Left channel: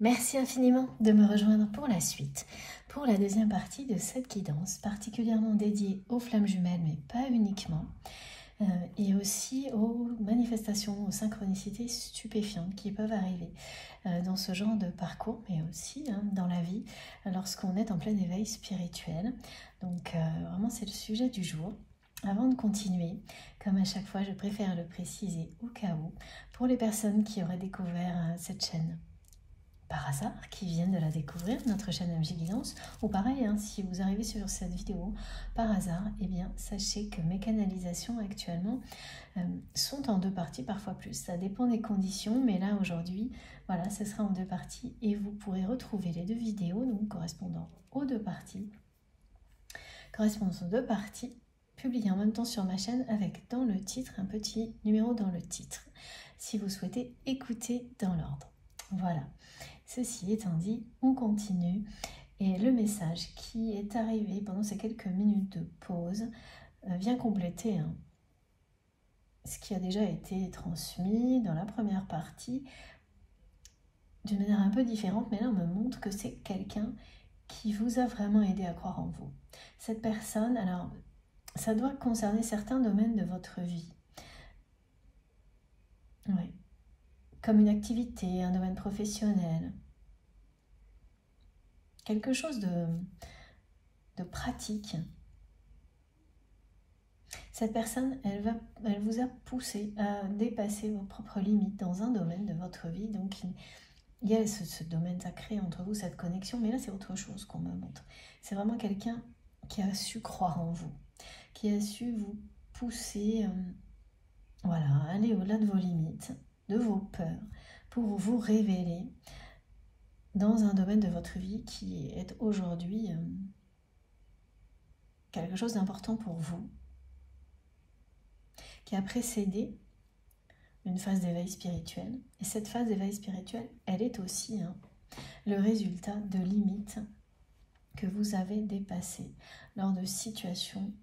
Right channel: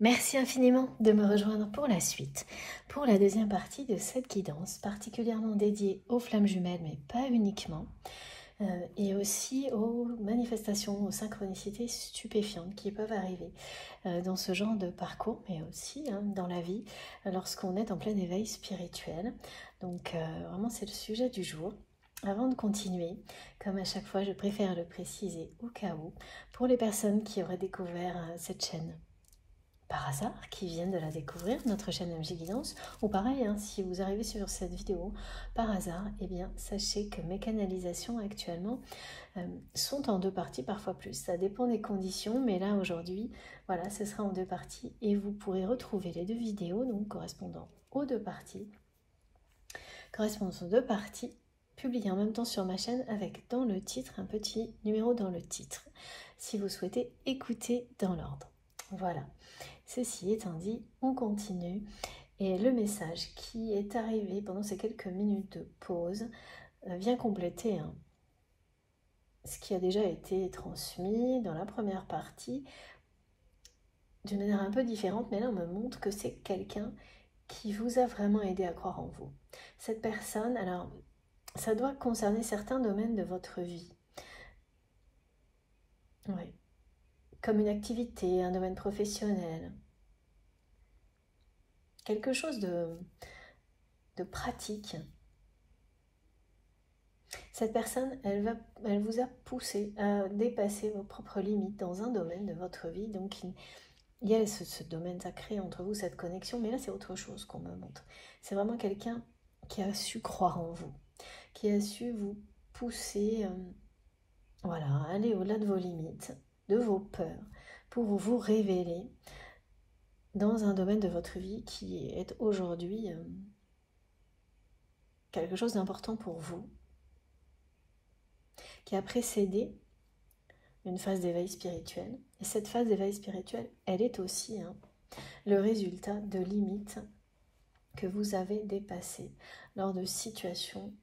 Merci infiniment de me rejoindre pour la suite, pour la deuxième partie de cette guidance, particulièrement dédiée aux flammes jumelles, mais pas uniquement, et aussi aux manifestations, aux synchronicités stupéfiantes qui peuvent arriver dans ce genre de parcours, mais aussi dans la vie, lorsqu'on est en plein éveil spirituel. Donc vraiment, c'est le sujet du jour. Avant de continuer, comme à chaque fois, je préfère le préciser au cas où, pour les personnes qui auraient découvert cette chaîne par hasard, qui viennent de la découvrir, notre chaîne MG Guidance, ou pareil, si vous arrivez sur cette vidéo par hasard, eh bien sachez que mes canalisations actuellement sont en deux parties, parfois plus. Ça dépend des conditions, mais là aujourd'hui, voilà, ce sera en deux parties et vous pourrez retrouver les deux vidéos, donc correspondant aux deux parties, publiées en même temps sur ma chaîne avec dans le titre, un petit numéro dans le titre, si vous souhaitez écouter dans l'ordre. Voilà. Ceci étant dit, on continue et le message qui est arrivé pendant ces quelques minutes de pause vient compléter ce qui a déjà été transmis dans la première partie d'une manière un peu différente, mais là on me montre que c'est quelqu'un qui vous a vraiment aidé à croire en vous. Cette personne, alors ça doit concerner certains domaines de votre vie. Oui. Comme une activité, un domaine professionnel, quelque chose de pratique. Cette personne, elle vous a poussé à dépasser vos propres limites dans un domaine de votre vie. Donc, il y a ce domaine sacré entre vous, cette connexion, mais là, c'est autre chose qu'on me montre. C'est vraiment quelqu'un qui a su croire en vous, qui a su vous pousser, voilà, à aller au-delà de vos limites, de vos peurs, pour vous révéler dans un domaine de votre vie qui est aujourd'hui quelque chose d'important pour vous, qui a précédé une phase d'éveil spirituel. Et cette phase d'éveil spirituel, elle est aussi le résultat de limites que vous avez dépassées lors de situations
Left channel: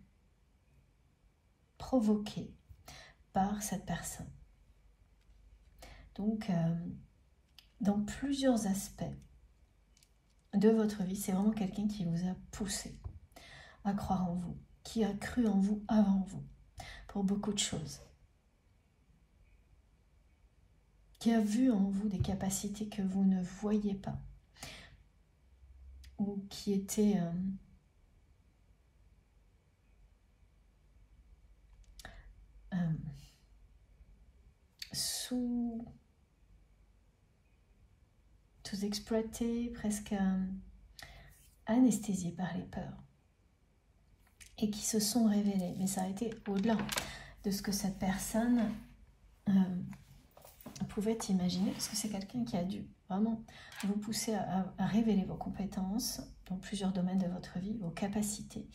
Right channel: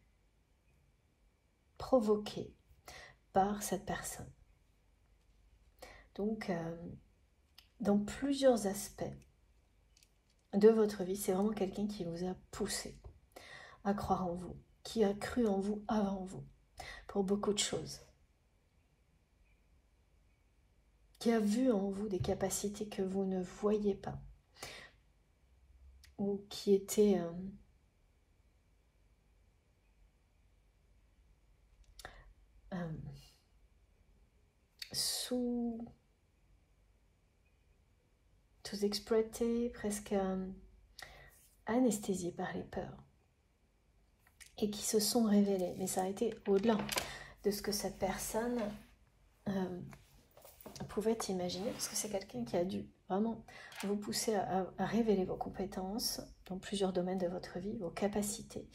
provoquées par cette personne. Donc, dans plusieurs aspects de votre vie, c'est vraiment quelqu'un qui vous a poussé à croire en vous, qui a cru en vous avant vous, pour beaucoup de choses, qui a vu en vous des capacités que vous ne voyez pas, ou qui étaient sous-exploités, presque anesthésiés par les peurs, et qui se sont révélés. Mais ça a été au-delà de ce que cette personne pouvait imaginer, parce que c'est quelqu'un qui a dû vraiment vous pousser à révéler vos compétences dans plusieurs domaines de votre vie, vos capacités.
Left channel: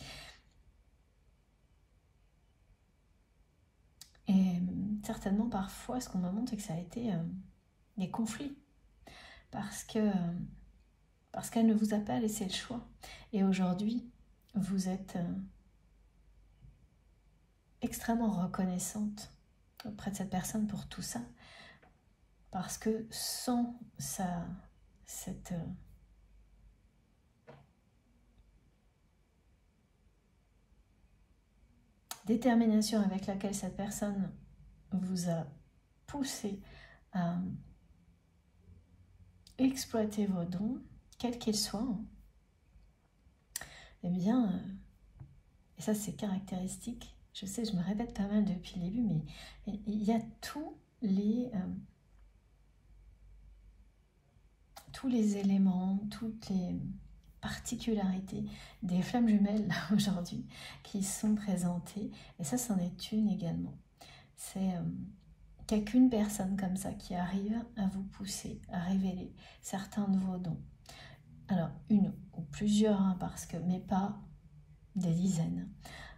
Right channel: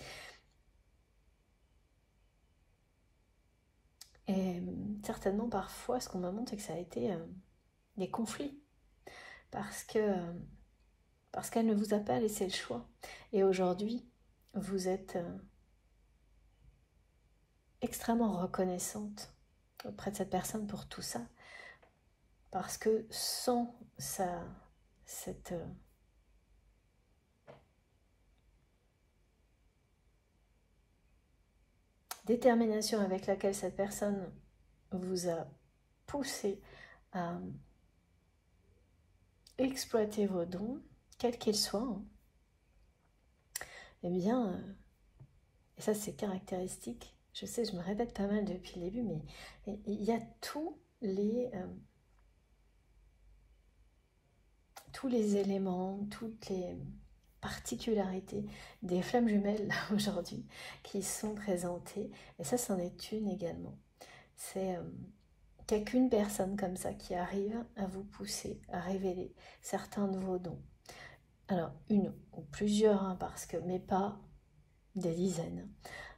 Et certainement parfois, ce qu'on me montre, c'est que ça a été des conflits, parce qu'elle ne vous a pas laissé le choix. Et aujourd'hui, vous êtes extrêmement reconnaissante auprès de cette personne pour tout ça, parce que sans cette détermination avec laquelle cette personne vous a poussé à exploiter vos dons, quels qu'ils soient, eh bien, et ça c'est caractéristique, je sais, je me répète pas mal depuis le début, mais il y a tous les éléments, toutes les particularités des flammes jumelles aujourd'hui qui sont présentées, et ça c'en est une également. C'est qu'il n'y a qu'une personne comme ça qui arrive à vous pousser à révéler certains de vos dons. Alors une ou plusieurs, parce que, mais pas des dizaines.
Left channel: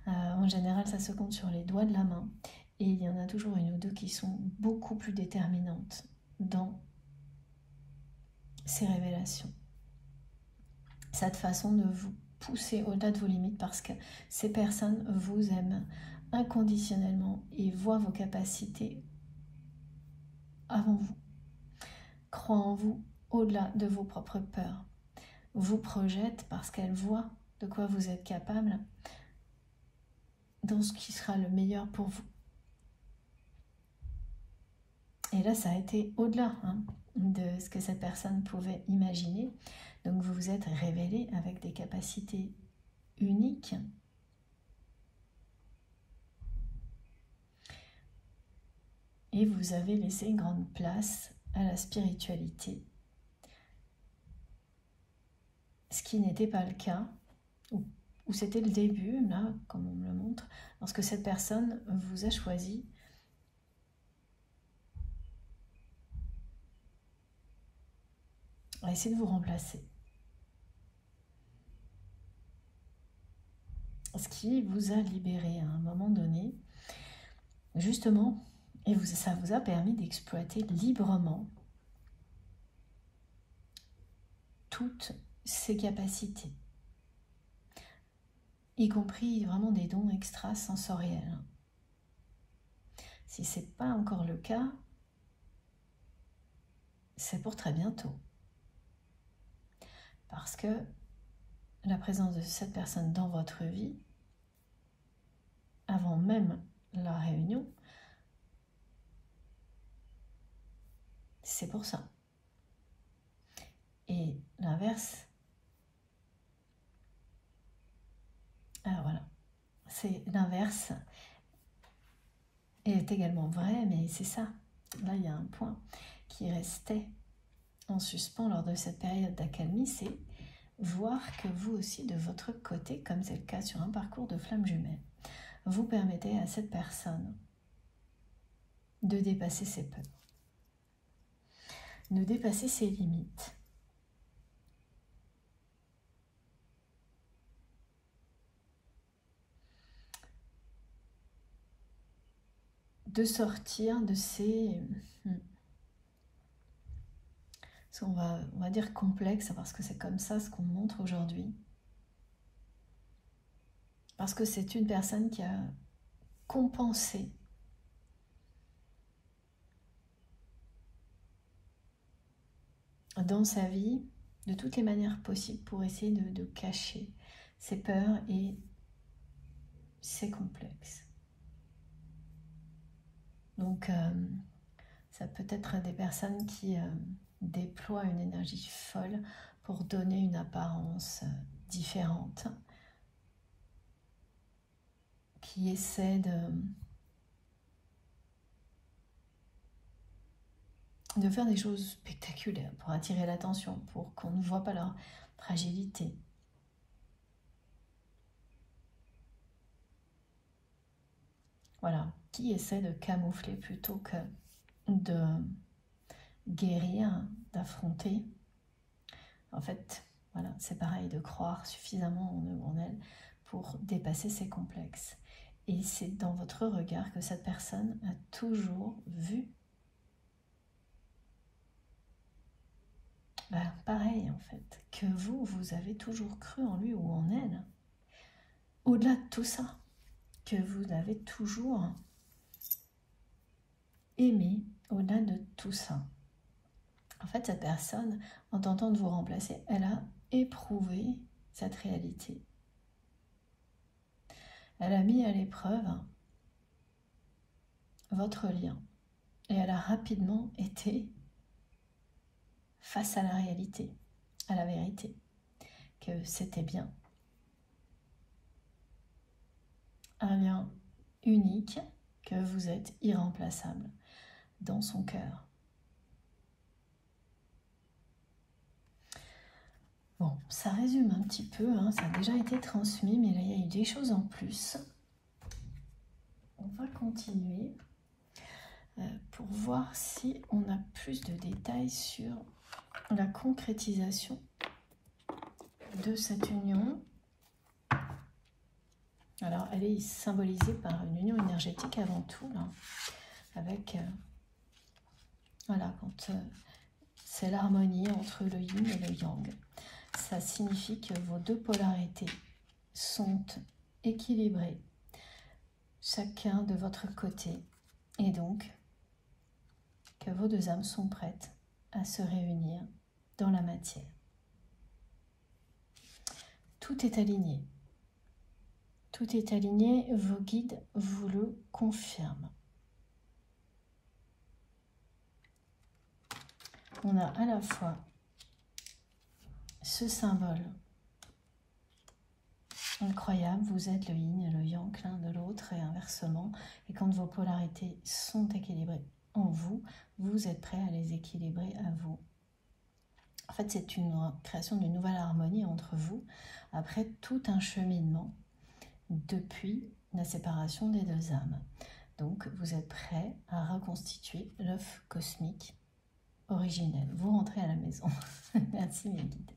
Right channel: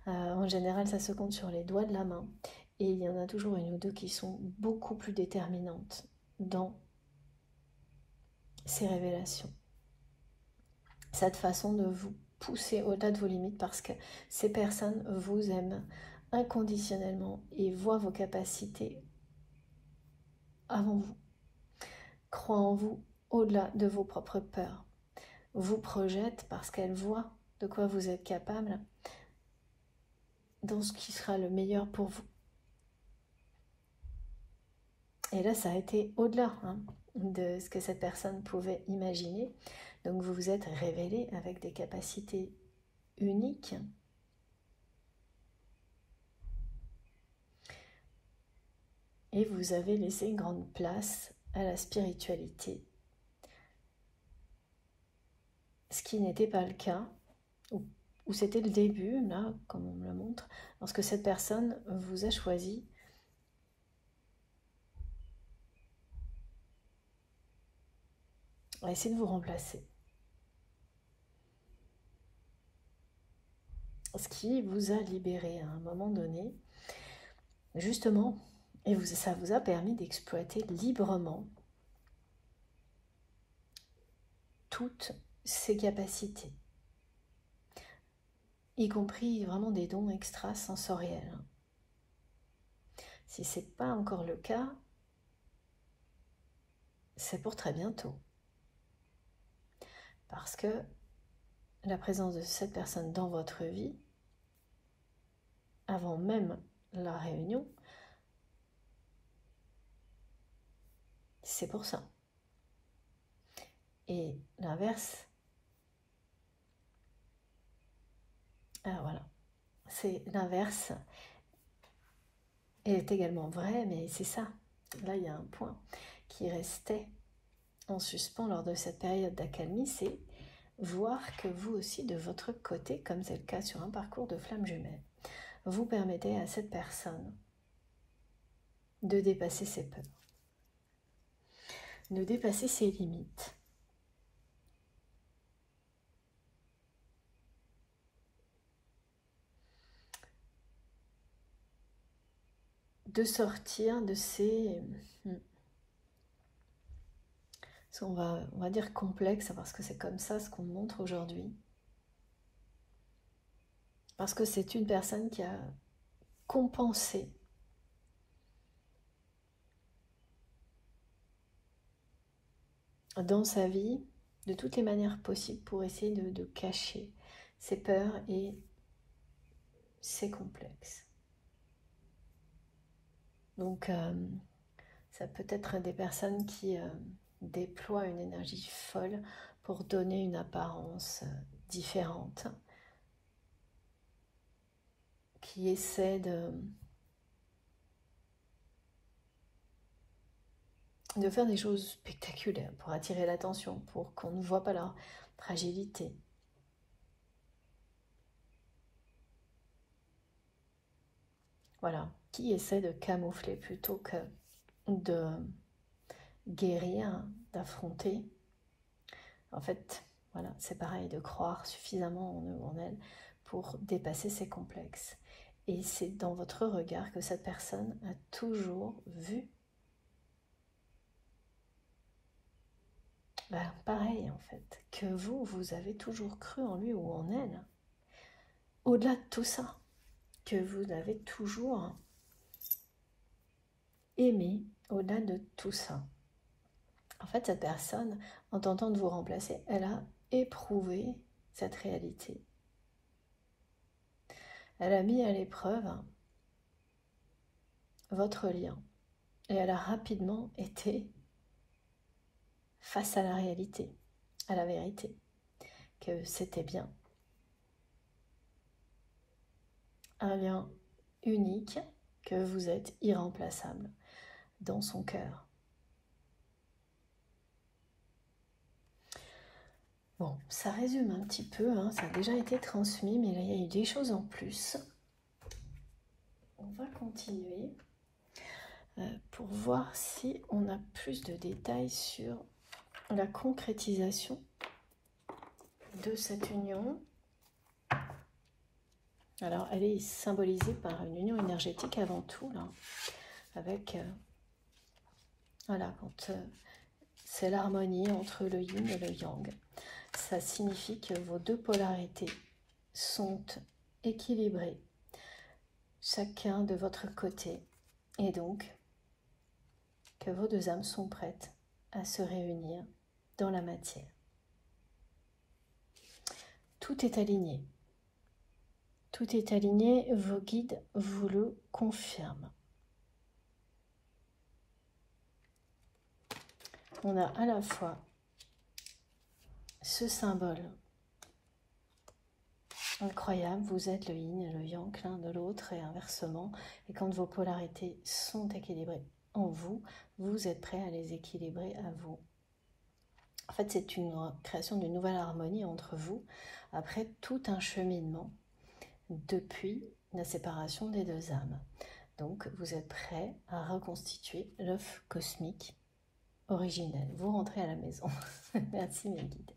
En général ça se compte sur les doigts de la main, et il y en a toujours une ou deux qui sont beaucoup plus déterminantes dans ces révélations. Cette façon de vous pousser au-delà de vos limites, parce que ces personnes vous aiment inconditionnellement et voient vos capacités avant vous, croient en vous au-delà de vos propres peurs, vous projette parce qu'elle voit de quoi vous êtes capable dans ce qui sera le meilleur pour vous. Et là, ça a été au-delà de ce que cette personne pouvait imaginer. Donc, vous vous êtes révélé avec des capacités uniques. Et vous avez laissé grande place à la spiritualité. Ce qui n'était pas le cas, ou c'était le début, là, comme on me le montre, lorsque cette personne vous a choisi à essayer de vous remplacer. Ce qui vous a libéré à un moment donné, justement, et ça vous a permis d'exploiter librement toutes ces capacités, y compris vraiment des dons extrasensoriels. Si ce n'est pas encore le cas, c'est pour très bientôt. Parce que la présence de cette personne dans votre vie, avant même la réunion, c'est pour ça. Et l'inverse, alors voilà, c'est l'inverse est également vrai, mais c'est ça. Là, il y a un point qui restait en suspens lors de cette période d'accalmie, c'est voir que vous aussi, de votre côté, comme c'est le cas sur un parcours de flamme jumelle, vous permettez à cette personne de dépasser ses peurs, de dépasser ses limites. De sortir de ces, on va dire complexes, parce que c'est comme ça ce qu'on montre aujourd'hui. Parce que c'est une personne qui a compensé dans sa vie de toutes les manières possibles pour essayer de cacher ses peurs et ses complexes. Donc, ça peut être des personnes qui déploient une énergie folle pour donner une apparence différente, qui essaient de faire des choses spectaculaires pour attirer l'attention, pour qu'on ne voit pas leur fragilité. Voilà, qui essaie de camoufler plutôt que de guérir, d'affronter. En fait, voilà, c'est pareil, de croire suffisamment en eux, en elle, pour dépasser ses complexes. Et c'est dans votre regard que cette personne a toujours vu. Ben, pareil, en fait, que vous avez toujours cru en lui ou en elle. Au-delà de tout ça, que vous avez toujours aimé, au-delà de tout ça. En fait, cette personne, en tentant de vous remplacer, elle a éprouvé cette réalité. Elle a mis à l'épreuve votre lien. Et elle a rapidement été face à la réalité, à la vérité, que c'était bien un lien unique, que vous êtes irremplaçable dans son cœur. Bon, ça résume un petit peu, ça a déjà été transmis, mais là, il y a eu des choses en plus. On va continuer pour voir si on a plus de détails sur la concrétisation de cette union. Alors, elle est symbolisée par une union énergétique avant tout, là, avec, voilà, quand c'est l'harmonie entre le yin et le yang. Ça signifie que vos deux polarités sont équilibrées, chacun de votre côté, et donc que vos deux âmes sont prêtes à se réunir dans la matière. Tout est aligné. Tout est aligné, vos guides vous le confirment. On a à la fois ce symbole incroyable, vous êtes le yin et le yang l'un de l'autre et inversement, et quand vos polarités sont équilibrées en vous, vous êtes prêt à les équilibrer à vous. En fait, c'est une création d'une nouvelle harmonie entre vous, après tout un cheminement depuis la séparation des deux âmes. Donc, vous êtes prêt à reconstituer l'œuf cosmique originel. Vous rentrez à la maison. Merci mes guides.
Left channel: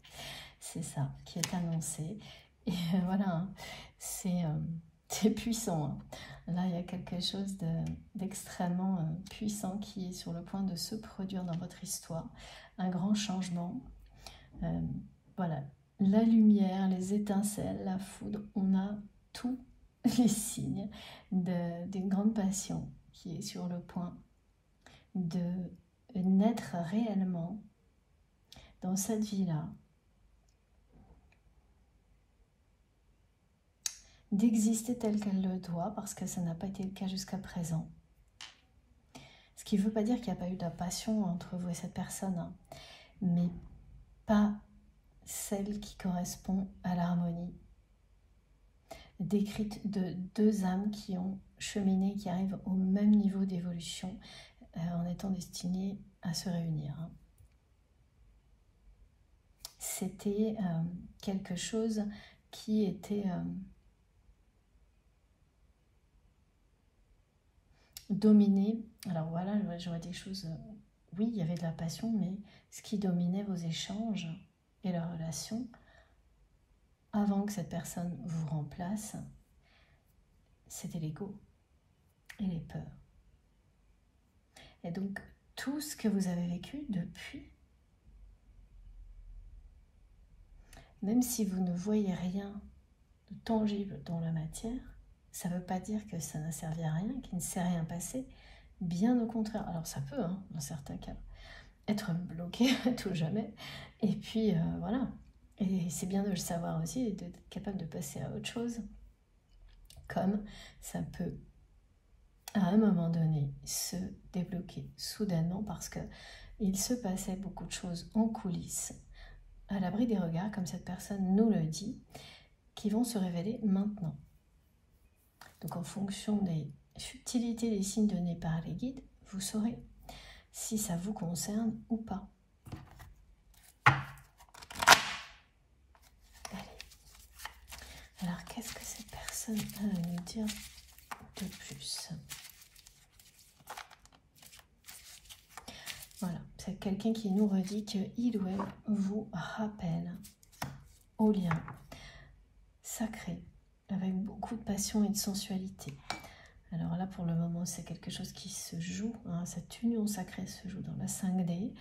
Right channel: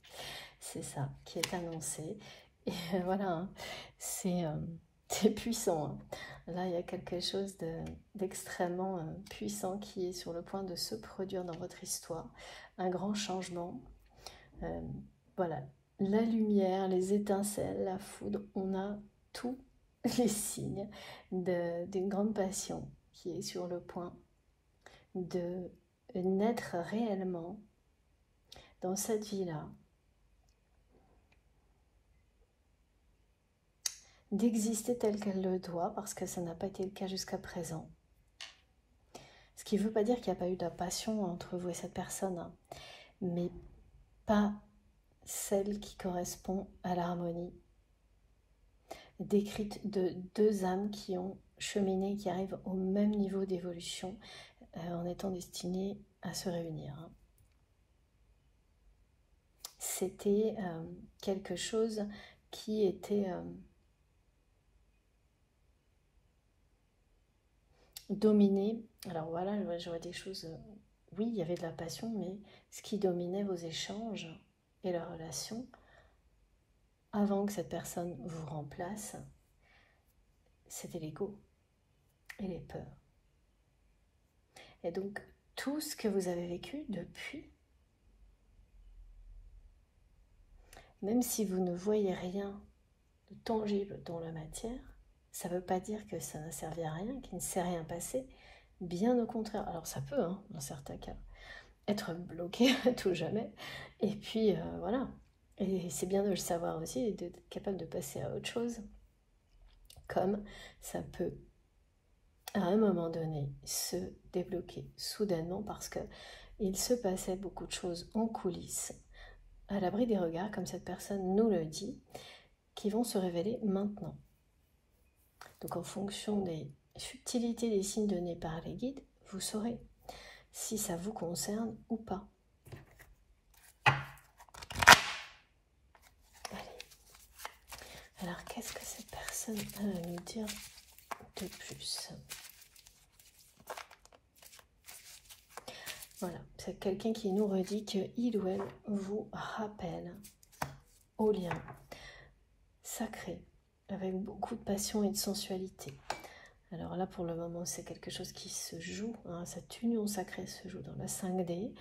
C'est ça qui est annoncé. Et voilà, hein, c'est puissant. Hein. Là, il y a quelque chose d'extrêmement puissant qui est sur le point de se produire dans votre histoire. Un grand changement. Voilà, la lumière, les étincelles, la foudre, on a tous les signes d'une grande passion qui est sur le point de naître réellement dans cette vie-là, d'exister telle qu'elle le doit, parce que ça n'a pas été le cas jusqu'à présent. Ce qui ne veut pas dire qu'il n'y a pas eu de la passion entre vous et cette personne, hein, mais pas celle qui correspond à l'harmonie décrite de deux âmes qui ont cheminé, qui arrivent au même niveau d'évolution en étant destinées à se réunir. Hein. C'était quelque chose qui était dominé. Alors voilà, j'aurais des choses... oui, il y avait de la passion, mais ce qui dominait vos échanges et leurs relations, avant que cette personne vous remplace, c'était l'ego et les peurs. Et donc, tout ce que vous avez vécu depuis, même si vous ne voyez rien de tangible dans la matière, ça ne veut pas dire que ça n'a servi à rien, qu'il ne s'est rien passé. Bien au contraire. Alors ça peut, hein, dans certains cas, être bloqué à tout jamais. Et puis, voilà. Et c'est bien de le savoir aussi, et d'être capable de passer à autre chose. Comme ça peut, à un moment donné, se débloquer soudainement parce qu'il se passait beaucoup de choses en coulisses, à l'abri des regards, comme cette personne nous le dit, qui vont se révéler maintenant. Donc en fonction des subtilités des signes donnés par les guides, vous saurez si ça vous concerne ou pas. Alors qu'est-ce que cette personne a à nous dire de plus? Voilà, c'est quelqu'un qui nous redit qu'il ou elle vous rappelle au lien sacré, avec beaucoup de passion et de sensualité. Alors là, pour le moment, c'est quelque chose qui se joue, hein, cette union sacrée se joue dans la 5D.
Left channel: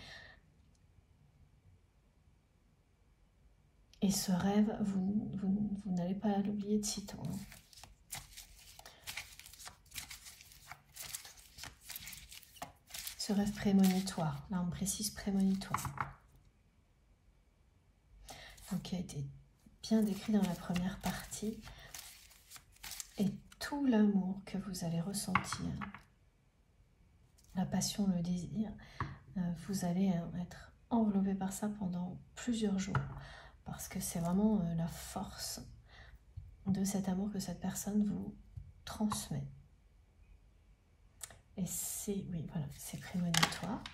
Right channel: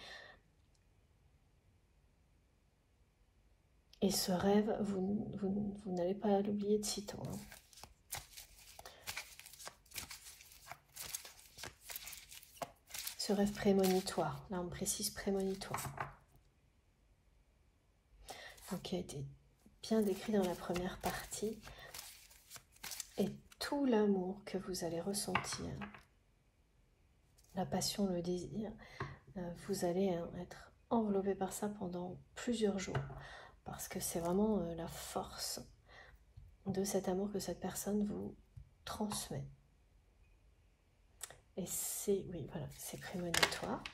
Et ce rêve, vous n'allez pas l'oublier de sitôt. Hein. Ce rêve prémonitoire, là on précise prémonitoire. Donc qui a été bien décrit dans la première partie. Et tout l'amour que vous allez ressentir, la passion, le désir, vous allez être enveloppé par ça pendant plusieurs jours. Parce que c'est vraiment la force de cet amour que cette personne vous transmet. Et c'est, oui, voilà, c'est prémonitoire.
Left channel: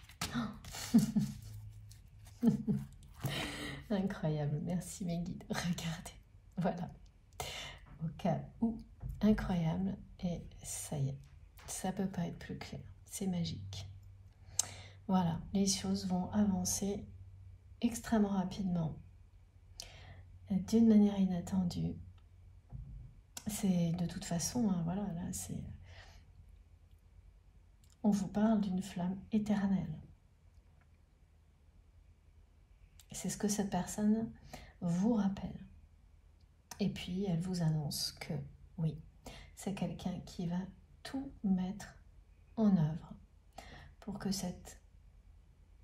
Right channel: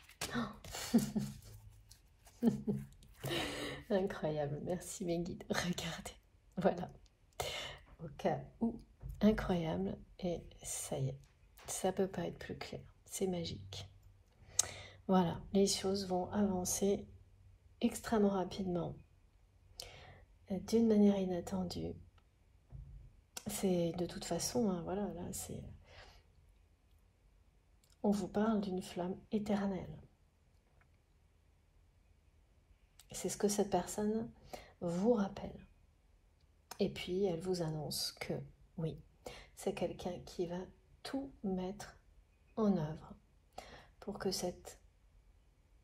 Incroyable, merci mes guides. Regardez, voilà. Au cas où, incroyable, et ça y est, ça peut pas être plus clair, c'est magique. Voilà, les choses vont avancer extrêmement rapidement, d'une manière inattendue. C'est de toute façon, hein, voilà, là, c'est... On vous parle d'une flamme éternelle. C'est ce que cette personne vous rappelle. Et puis, elle vous annonce que, oui, c'est quelqu'un qui va tout mettre en œuvre pour que cette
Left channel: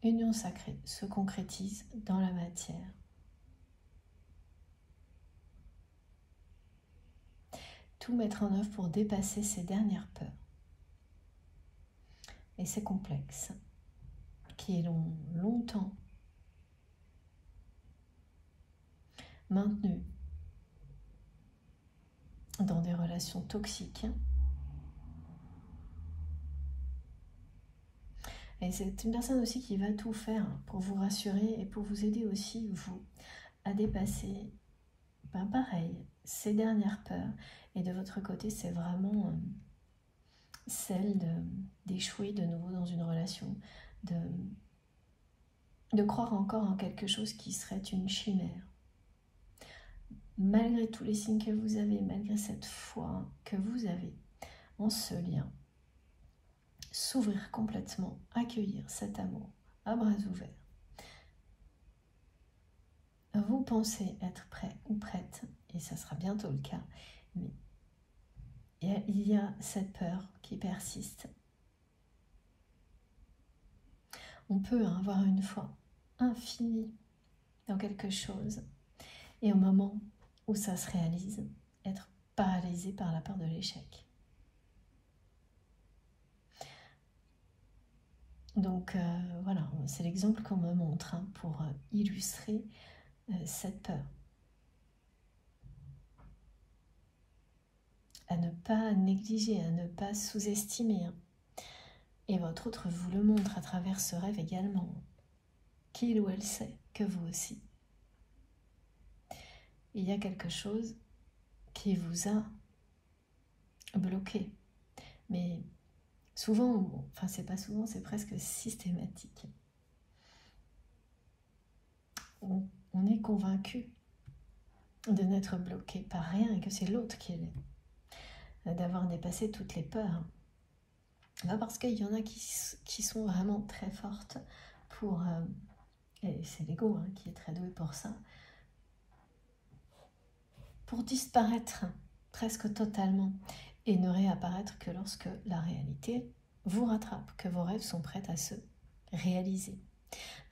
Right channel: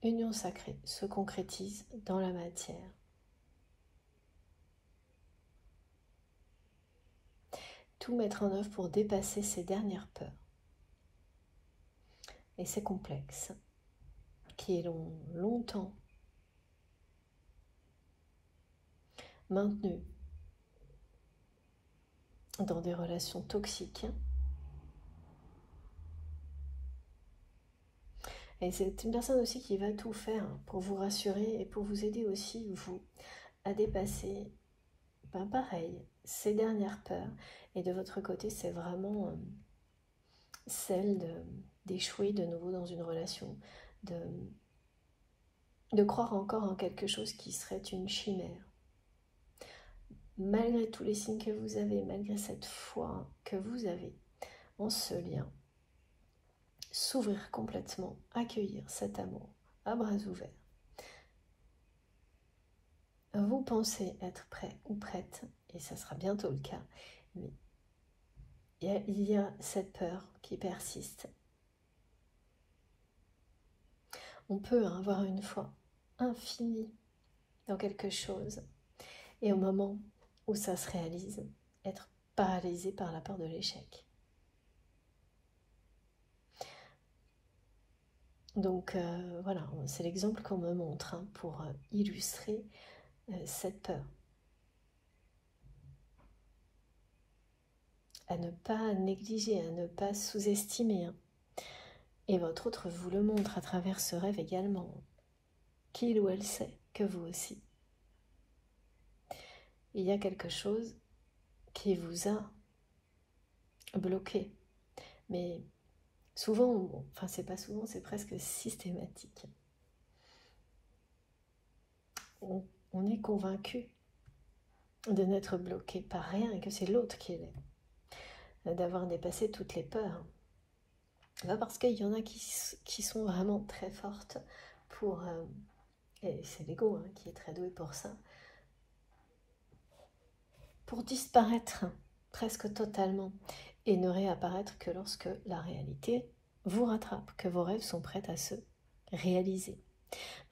union sacrée se concrétise dans la matière. Tout mettre en œuvre pour dépasser ces dernières peurs et ces complexes qui l'ont longtemps maintenu dans des relations toxiques. Et c'est une personne aussi qui va tout faire pour vous rassurer et pour vous aider aussi, vous, à dépasser, pareil, ces dernières peurs. Et de votre côté, c'est vraiment celle d'échouer de nouveau dans une relation, de croire encore en quelque chose qui serait une chimère. Malgré tous les signes que vous avez, malgré cette foi que vous avez en ce lien, s'ouvrir complètement, accueillir cet amour à bras ouverts. Vous pensez être prêt ou prête, et ça sera bientôt le cas, mais il y a cette peur qui persiste. On peut avoir une foi infinie dans quelque chose, et au moment où ça se réalise, être paralysé par la peur de l'échec. Donc voilà, c'est l'exemple qu'on me montre pour illustrer cette peur. À ne pas négliger, à ne pas sous-estimer. Et votre autre vous le montre à travers ce rêve également, qu'il ou elle sait que vous aussi. Il y a quelque chose qui vous a bloqué. Mais souvent, bon, enfin c'est pas souvent, c'est presque systématique. On est convaincu de n'être bloqué par rien et que c'est l'autre qui l'est. D'avoir dépassé toutes les peurs. Là, parce qu'il y en a qui sont vraiment très fortes pour... et c'est l'ego qui est très doué pour ça. Pour disparaître presque totalement et ne réapparaître que lorsque la réalité vous rattrape, que vos rêves sont prêts à se réaliser.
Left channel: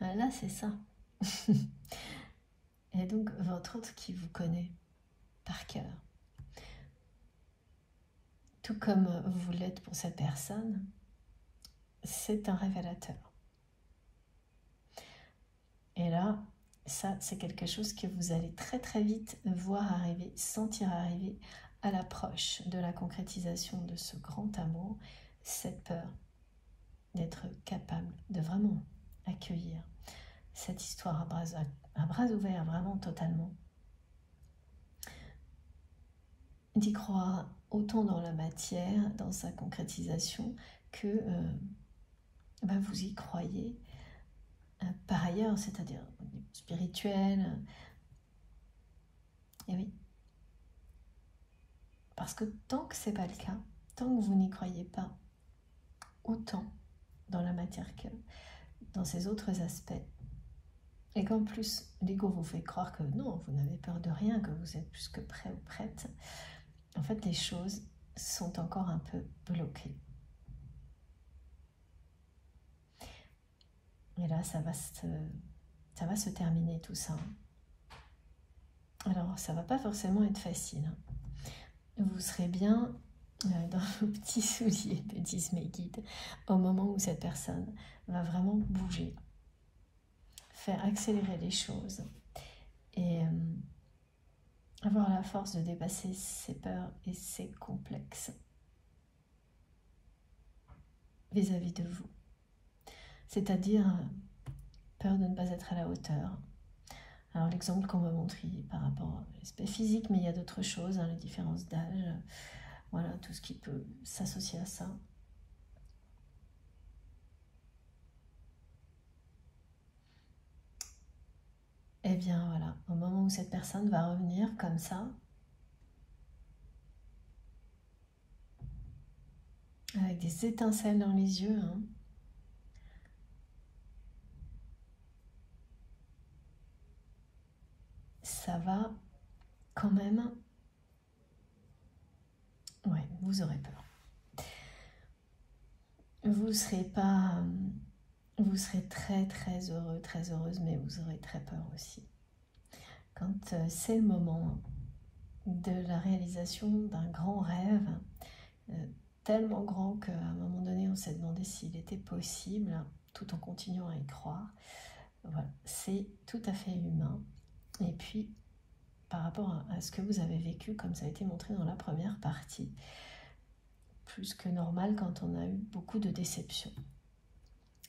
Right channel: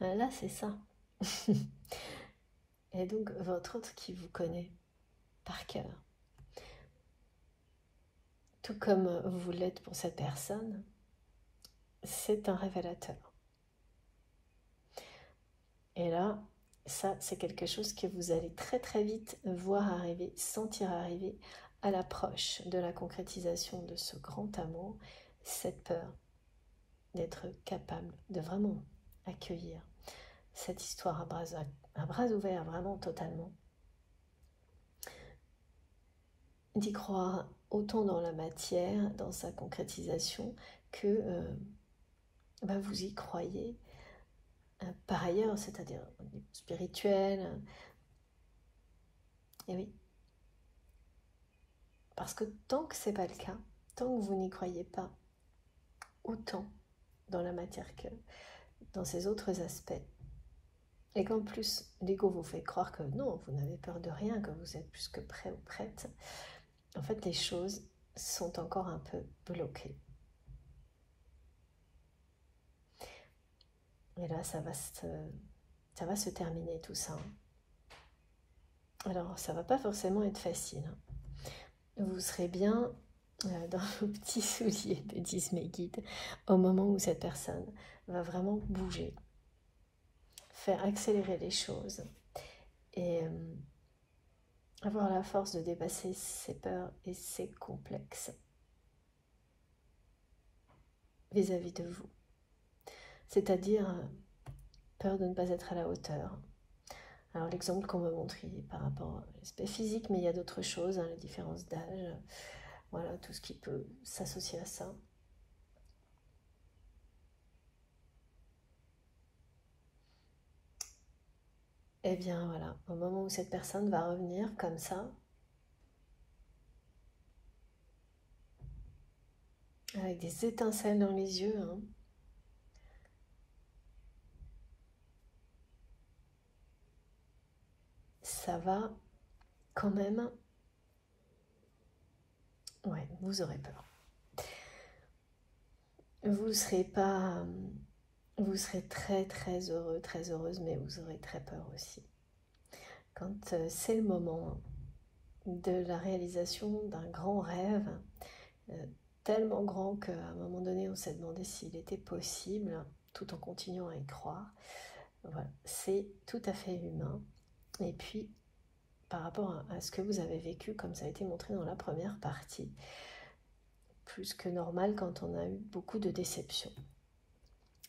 Là, c'est ça. Et donc, votre autre qui vous connaît par cœur, tout comme vous l'êtes pour cette personne, c'est un révélateur. Et là, ça, c'est quelque chose que vous allez très très vite voir arriver, sentir arriver à l'approche de la concrétisation de ce grand amour, cette peur d'être capable de vraiment accueillir cette histoire à bras ouverts, vraiment totalement. D'y croire autant dans la matière, dans sa concrétisation, que vous y croyez par ailleurs, c'est-à-dire spirituel. Et oui. Parce que tant que ce n'est pas le cas, tant que vous n'y croyez pas autant dans la matière que dans ces autres aspects, et qu'en plus l'ego vous fait croire que non, vous n'avez peur de rien, que vous êtes plus que prêt ou prête, en fait les choses sont encore un peu bloquées. Et là, ça va se terminer tout ça. Alors, ça va pas forcément être facile. Vous serez bien dans vos petits souliers, me disent mes guides, au moment où cette personne va vraiment bouger, faire accélérer les choses et avoir la force de dépasser ses peurs et ses complexes vis-à-vis de vous. C'est-à-dire peur de ne pas être à la hauteur. Alors l'exemple qu'on me montre par rapport à l'aspect physique, mais il y a d'autres choses, les différences d'âge, voilà, tout ce qui peut s'associer à ça. Et bien voilà, au moment où cette personne va revenir comme ça, avec des étincelles dans les yeux, ça va quand même... Ouais, vous aurez peur. Vous ne serez pas vous serez très très heureux, très heureuse, mais vous aurez très peur aussi. Quand c'est le moment de la réalisation d'un grand rêve, tellement grand qu'à un moment donné on s'est demandé s'il était possible, tout en continuant à y croire. Voilà, c'est tout à fait humain. Et puis, par rapport à ce que vous avez vécu, comme ça a été montré dans la première partie, plus que normal quand on a eu beaucoup de déceptions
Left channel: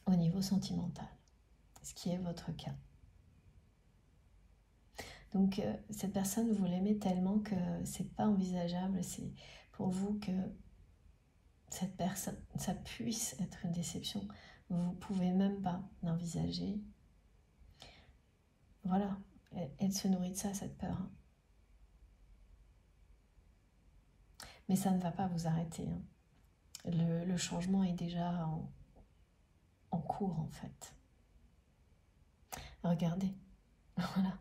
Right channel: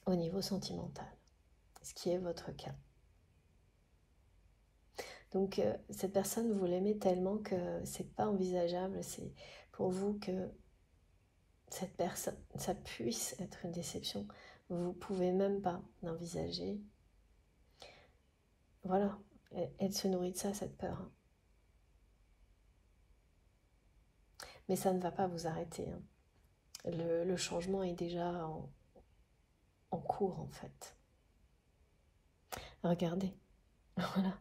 au niveau sentimental, ce qui est votre cas. Donc cette personne, vous l'aimez tellement que c'est pas envisageable, c'est pour vous que cette personne, ça puisse être une déception. Vous pouvez même pas l'envisager. Voilà, elle se nourrit de ça, cette peur. Mais ça ne va pas vous arrêter. Le changement est déjà en cours, en fait. Regardez, voilà.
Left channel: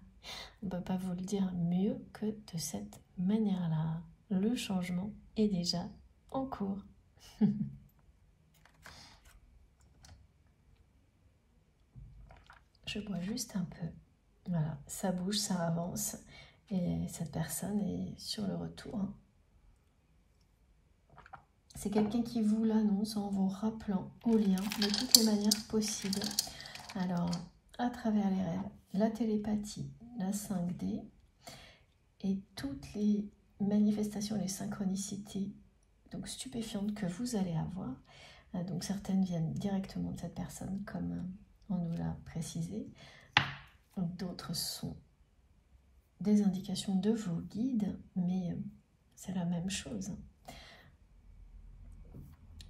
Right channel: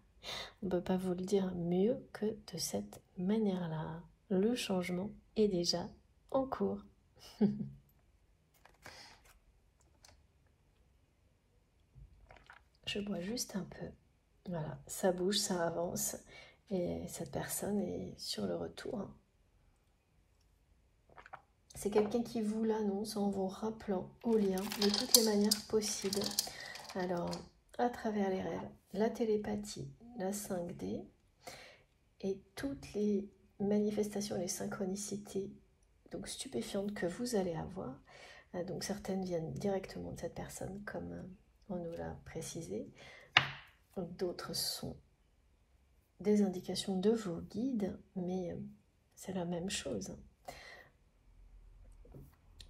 On ne peut pas vous le dire mieux que de cette manière-là. Le changement est déjà en cours. Je bois juste un peu. Voilà, ça bouge, ça avance. Et cette personne est sur le retour. C'est quelqu'un qui vous l'annonce en vous rappelant au lien de toutes les manières possibles. Alors, à travers les rêves, la télépathie, la 5D et toutes les manifestations, les synchronicités donc stupéfiantes que vous allez avoir. Donc certaines viennent directement de cette personne, comme on nous l'a précisé. D'autres sont des indications de vos guides, mais c'est la même chose.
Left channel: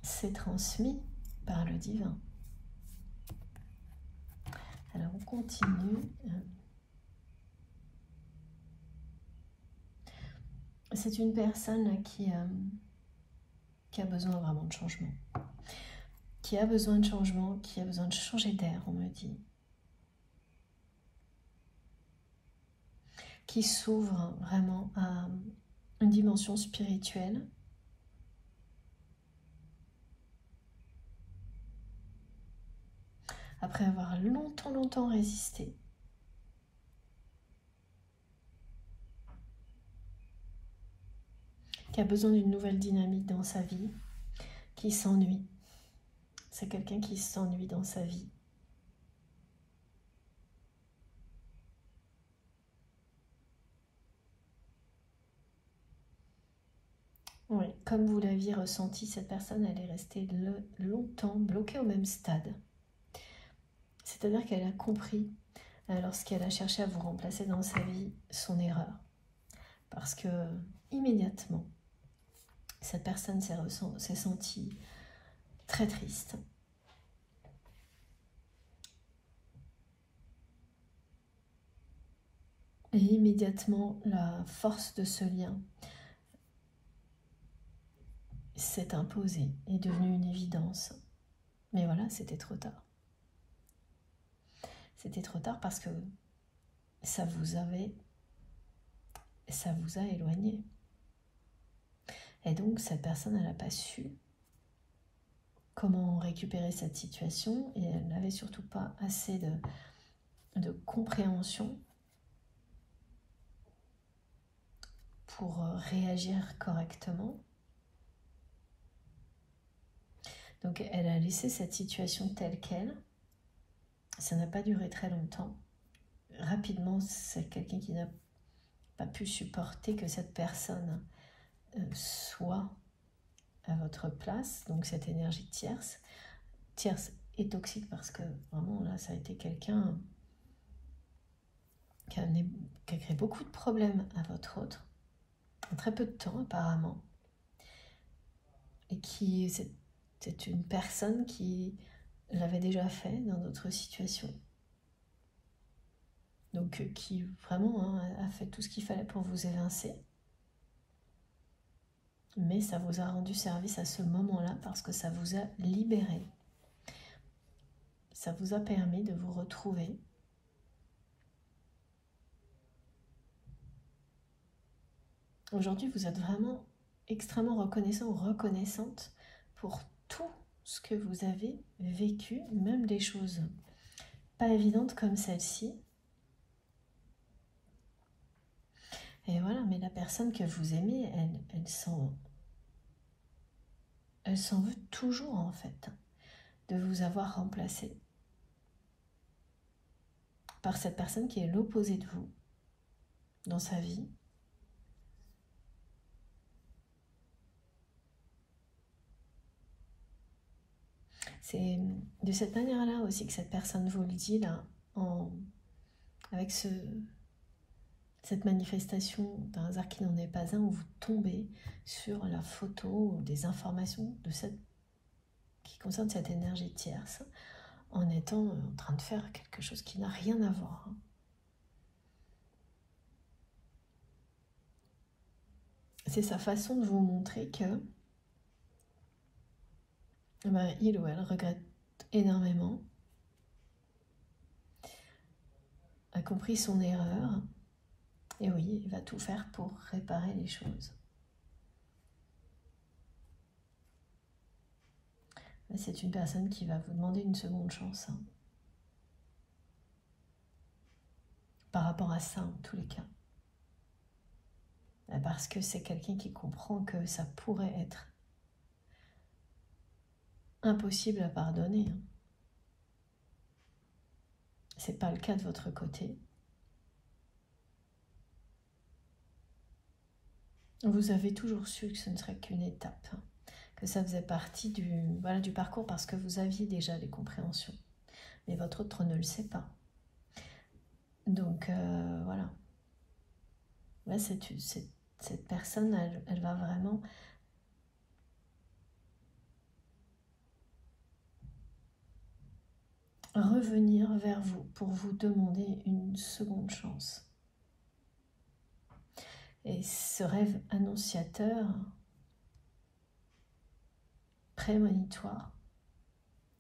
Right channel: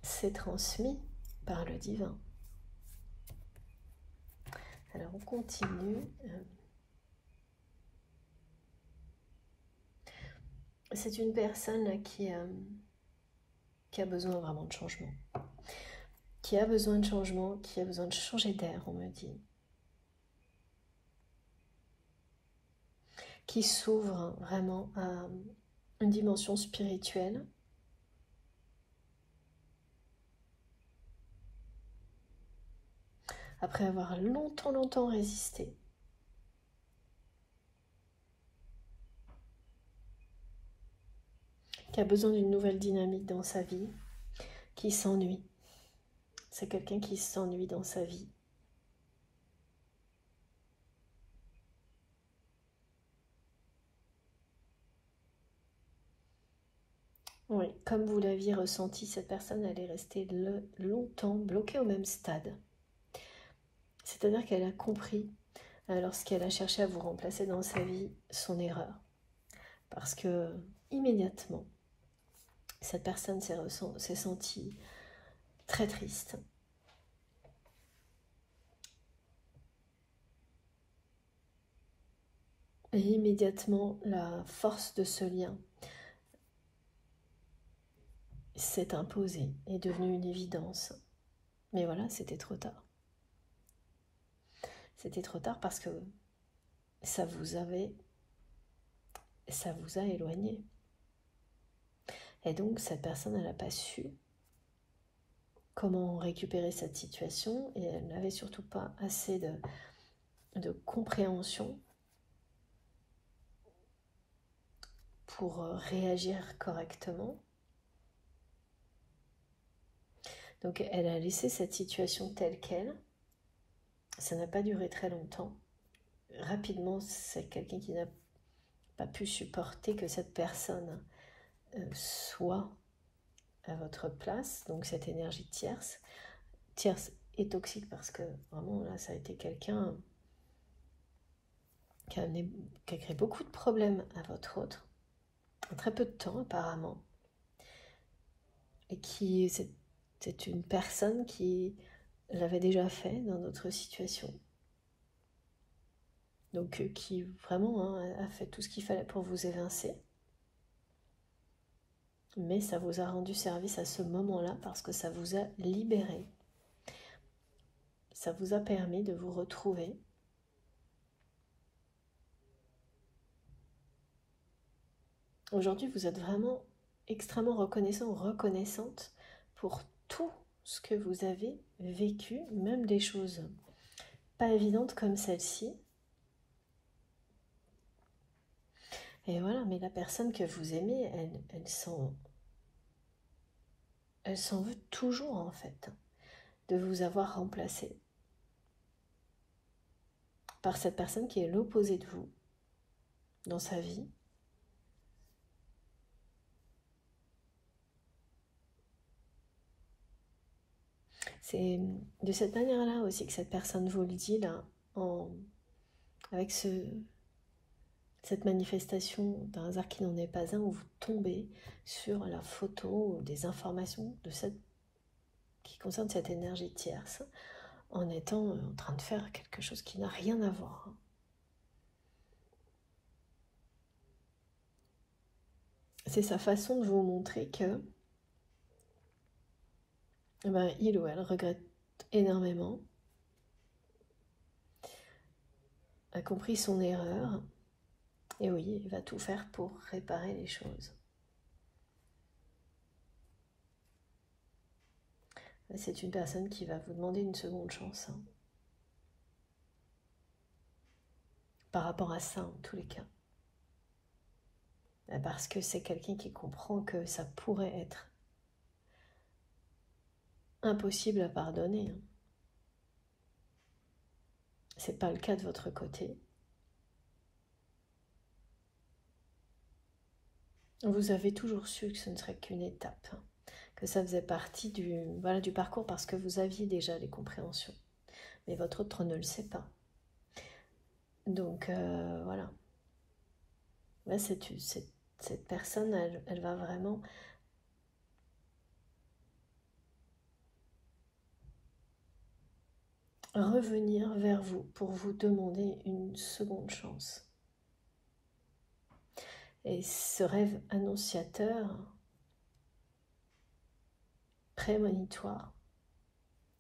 C'est transmis par le divin. Alors on continue. C'est une personne là, qui a besoin vraiment de changement. Qui a besoin de changement, qui a besoin de changer d'air, on me dit. Qui s'ouvre vraiment à une dimension spirituelle. Après avoir longtemps résisté. Qui a besoin d'une nouvelle dynamique dans sa vie, qui s'ennuie. C'est quelqu'un qui s'ennuie dans sa vie. Oui, comme vous l'aviez ressenti, cette personne, elle est restée longtemps bloquée au même stade. C'est-à-dire qu'elle a compris, lorsqu'elle a cherché à vous remplacer dans sa vie, son erreur. Parce que, immédiatement, cette personne s'est sentie très triste. Et immédiatement, la force de ce lien s'est imposée, est devenue une évidence. Mais voilà, c'était trop tard. C'était trop tard parce que ça vous a éloigné. Et donc, cette personne, elle n'a pas su comment récupérer cette situation et elle n'avait surtout pas assez de compréhension pour réagir correctement. Donc, elle a laissé cette situation telle qu'elle. Ça n'a pas duré très longtemps. Rapidement, c'est quelqu'un qui n'a pas pu supporter que cette personne soit à votre place, donc cette énergie tierce. Tierce et toxique parce que vraiment là, ça a été quelqu'un qui a créé beaucoup de problèmes à votre autre, en très peu de temps apparemment. Et qui, c'est une personne qui l'avait déjà fait dans d'autres situations. Donc qui vraiment a fait tout ce qu'il fallait pour vous évincer. Mais ça vous a rendu service à ce moment-là parce que ça vous a libéré. Ça vous a permis de vous retrouver. Aujourd'hui, vous êtes vraiment extrêmement reconnaissant ou reconnaissante pour tout ce que vous avez vécu, même des choses pas évidentes comme celle-ci. Et voilà, mais la personne que vous aimez, elle s'en veut toujours en fait de vous avoir remplacé par cette personne qui est l'opposé de vous dans sa vie. C'est de cette manière-là aussi que cette personne vous le dit là, avec cette manifestation d'un hasard qui n'en est pas un, où vous tombez sur la photo ou des informations qui concernent cette énergie tierce, en étant en train de faire quelque chose qui n'a rien à voir. C'est sa façon de vous montrer que il ou elle regrette énormément, a compris son erreur, et oui, il va tout faire pour réparer les choses. C'est une personne qui va vous demander une seconde chance. Par rapport à ça, en tous les cas. Parce que c'est quelqu'un qui comprend que ça pourrait être impossible à pardonner. C'est pas le cas de votre côté. Vous avez toujours su que ce ne serait qu'une étape, que ça faisait partie du parcours parce que vous aviez déjà les compréhensions. Mais votre autre ne le sait pas. Donc voilà. Là, cette personne, elle va vraiment revenir vers vous pour vous demander une seconde chance. Et ce rêve annonciateur, prémonitoire,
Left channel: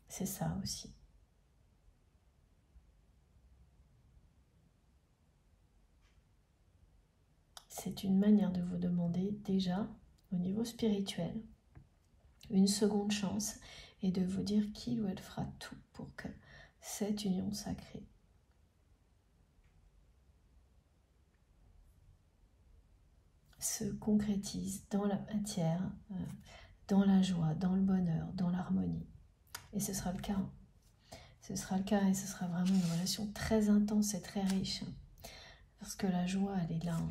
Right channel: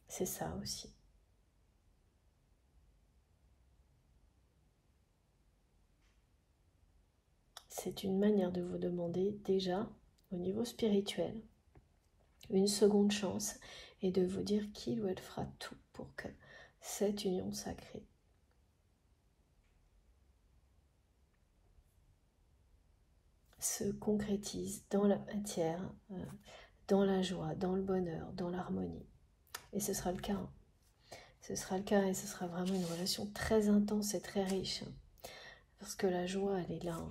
c'est ça aussi. C'est une manière de vous demander déjà, au niveau spirituel, une seconde chance et de vous dire qu'il ou elle fera tout pour que cette union sacrée se concrétise dans la matière, dans la joie, dans le bonheur, dans l'harmonie. Et ce sera le cas. Ce sera le cas et ce sera vraiment une relation très intense et très riche. Parce que la joie, elle est là.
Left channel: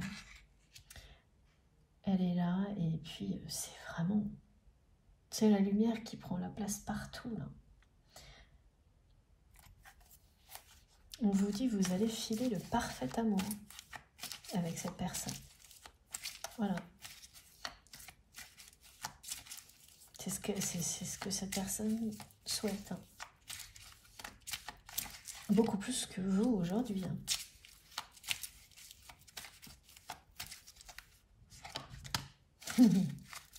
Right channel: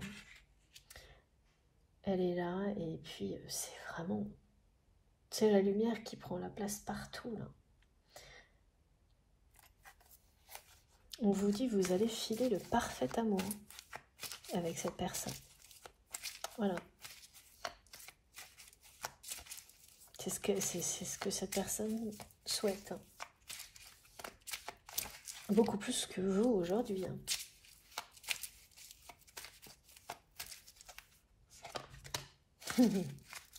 Elle est là et puis c'est vraiment... C'est la lumière qui prend la place partout, là. On vous dit, vous allez filer le parfait amour avec cette personne. Voilà. C'est ce que cette personne souhaite. Hein. Beaucoup plus que vous aujourd'hui. Hein.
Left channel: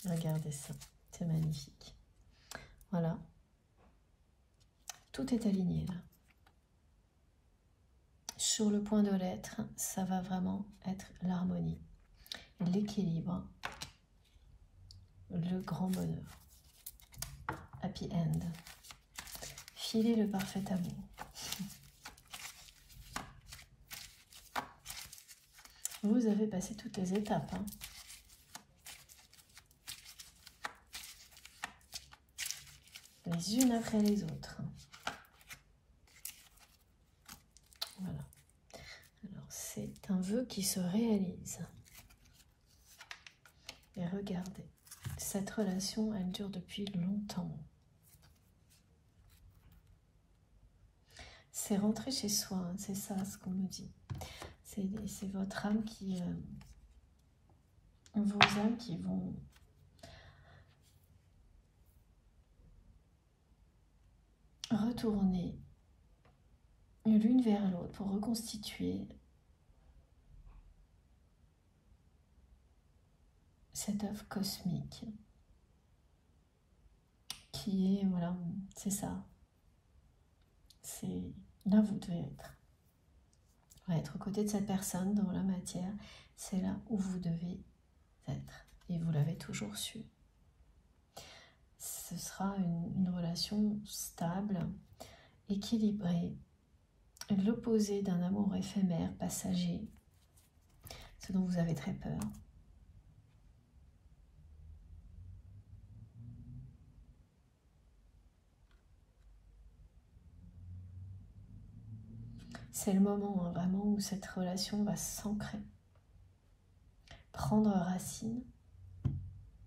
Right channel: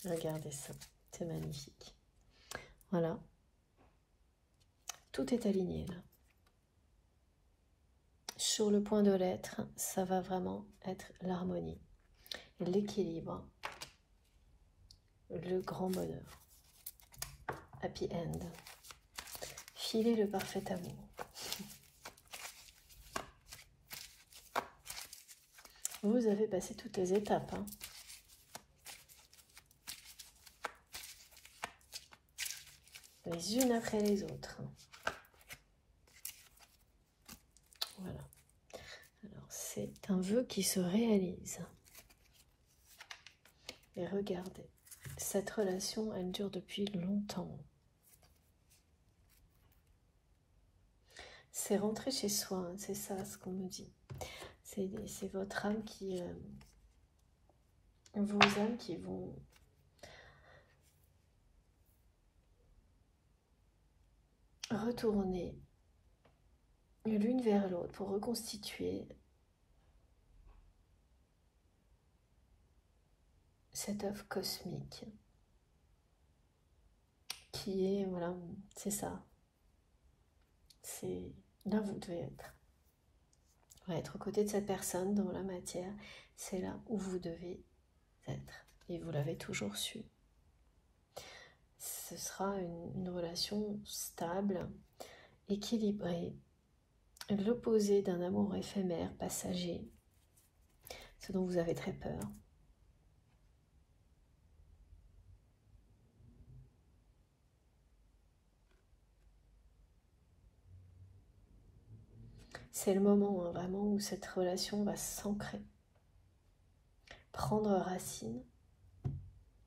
Regardez ça, c'est magnifique. Voilà. Tout est aligné là. Sur le point de l'être, ça va vraiment être l'harmonie, l'équilibre, le grand bonheur. Happy end. Filer le parfait amour. Vous avez passé toutes les étapes. Hein. Les unes après les autres. Voilà. Alors, c'est un vœu qui se réalise. Et regardez, cette relation, elle dure depuis longtemps. C'est rentrer chez soi, hein, c'est ça ce qu'on me dit. C'est votre âme qui... vos âmes qui vont... retourner l'une vers l'autre pour reconstituer cette œuvre cosmique qui est, voilà, c'est ça. C'est là où vous devez être. Être aux côtés de cette personne dans la matière, c'est là où vous devez être. Et vous l'avez toujours su. ce sera une relation stable, équilibrée, l'opposé d'un amour éphémère, passager, ce dont vous avez très peur. C'est le moment hein, vraiment où cette relation va s'ancrer, prendre racine,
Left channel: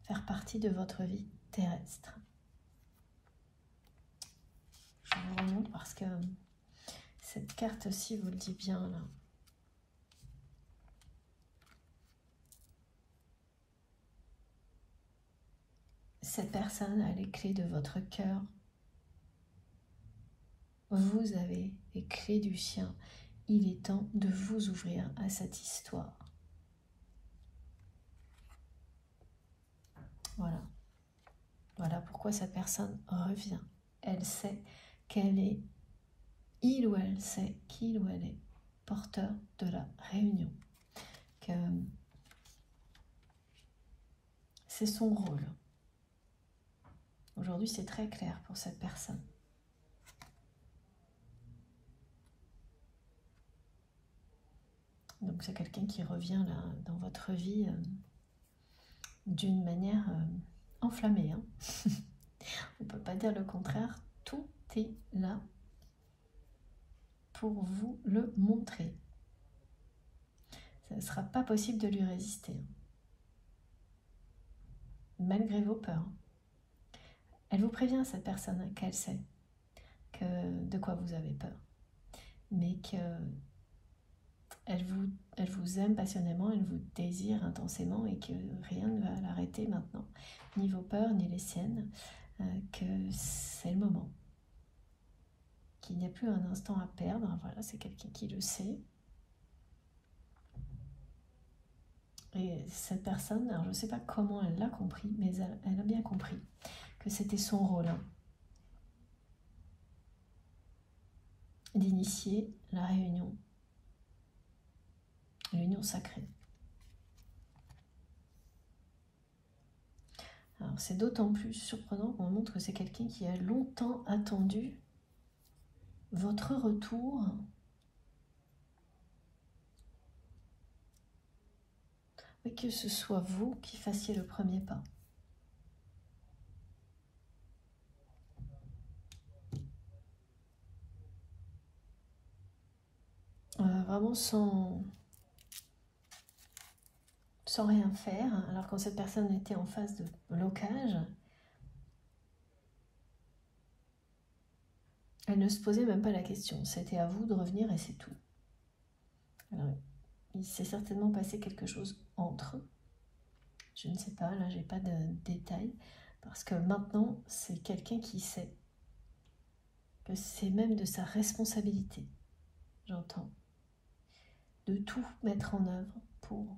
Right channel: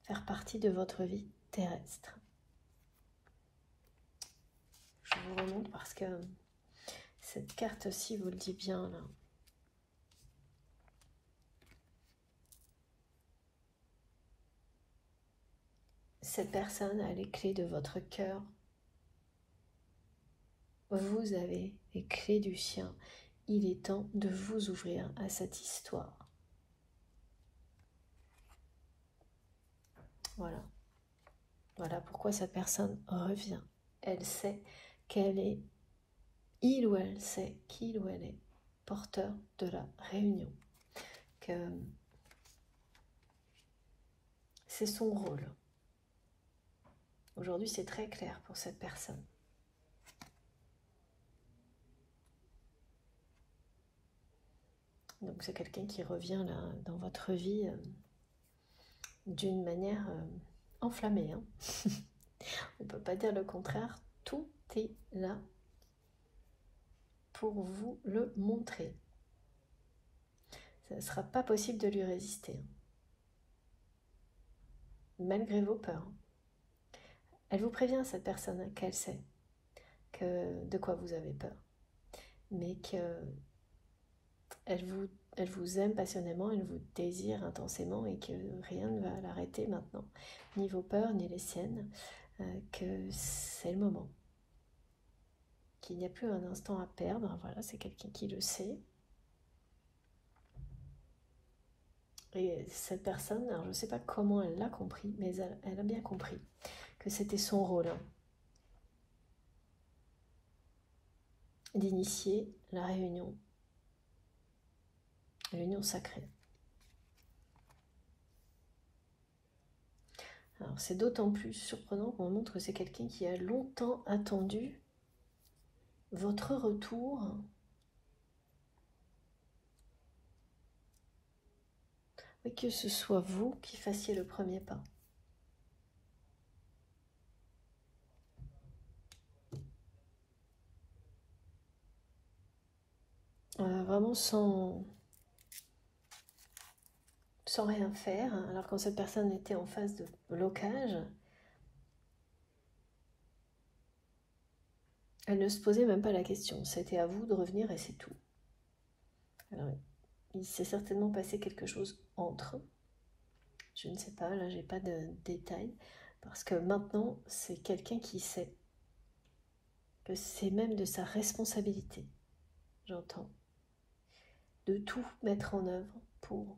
faire partie de votre vie terrestre. Je vous remonte parce que cette carte-ci vous le dit bien là. Cette personne a les clés de votre cœur. Vous avez les clés du sien. Il est temps de vous ouvrir à cette histoire. Voilà. Voilà pourquoi cette personne revient. Elle sait qu'elle est, il ou elle sait qu'il ou elle est porteur de la réunion. Que c'est son rôle. Aujourd'hui, c'est très clair pour cette personne. Donc, c'est quelqu'un qui revient là, dans votre vie d'une manière enflammée. Hein. On ne peut pas dire le contraire. Tout est là pour vous le montrer. Ça ne sera pas possible de lui résister. Malgré vos peurs. Elle vous prévient, cette personne, qu'elle sait de quoi vous avez peur. Mais qu'elle vous aime passionnément, elle vous désire intensément et que rien ne va l'arrêter maintenant. Ni vos peurs, ni les siennes. Que c'est le moment. Qu'il n'y a plus un instant à perdre. Voilà, c'est quelqu'un qui le sait. Et cette personne, alors je ne sais pas comment elle l'a compris, mais elle a bien compris que c'était son rôle hein, d'initier la réunion sacrée. Alors c'est d'autant plus surprenant qu'on montre que c'est quelqu'un qui a longtemps attendu votre retour et que ce soit vous qui fassiez le premier pas. Vraiment sans rien faire, alors quand cette personne était en phase de blocage, elle ne se posait même pas la question. C'était à vous de revenir et c'est tout. Alors, il s'est certainement passé quelque chose entre eux. Je ne sais pas, là j'ai pas de détails. Parce que maintenant, c'est quelqu'un qui sait que c'est même de sa responsabilité, j'entends, de tout mettre en œuvre pour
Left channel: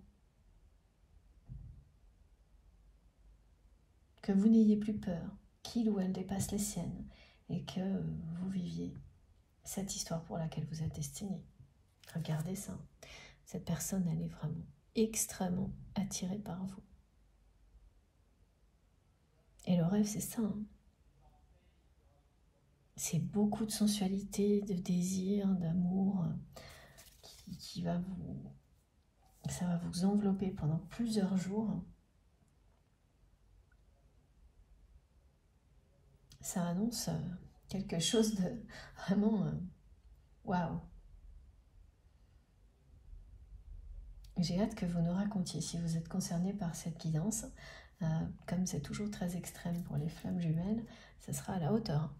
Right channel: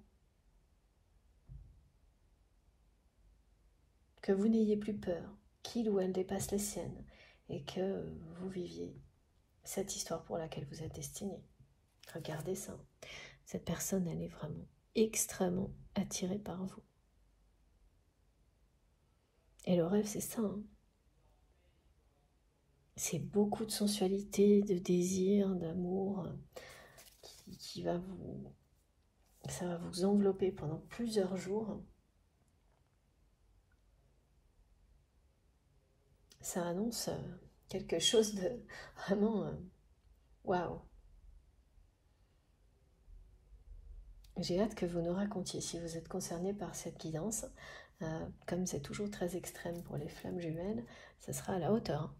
que vous n'ayez plus peur, qu'il ou elle dépasse les siennes et que vous viviez cette histoire pour laquelle vous êtes destiné. Regardez ça. Cette personne, elle est vraiment extrêmement attirée par vous. Et le rêve, c'est ça. Hein. C'est beaucoup de sensualité, de désir, d'amour qui va vous... Ça va vous envelopper pendant plusieurs jours. Ça annonce quelque chose de vraiment... waouh! J'ai hâte que vous nous racontiez si vous êtes concerné par cette guidance. Comme c'est toujours très extrême pour les flammes jumelles, ça sera à la hauteur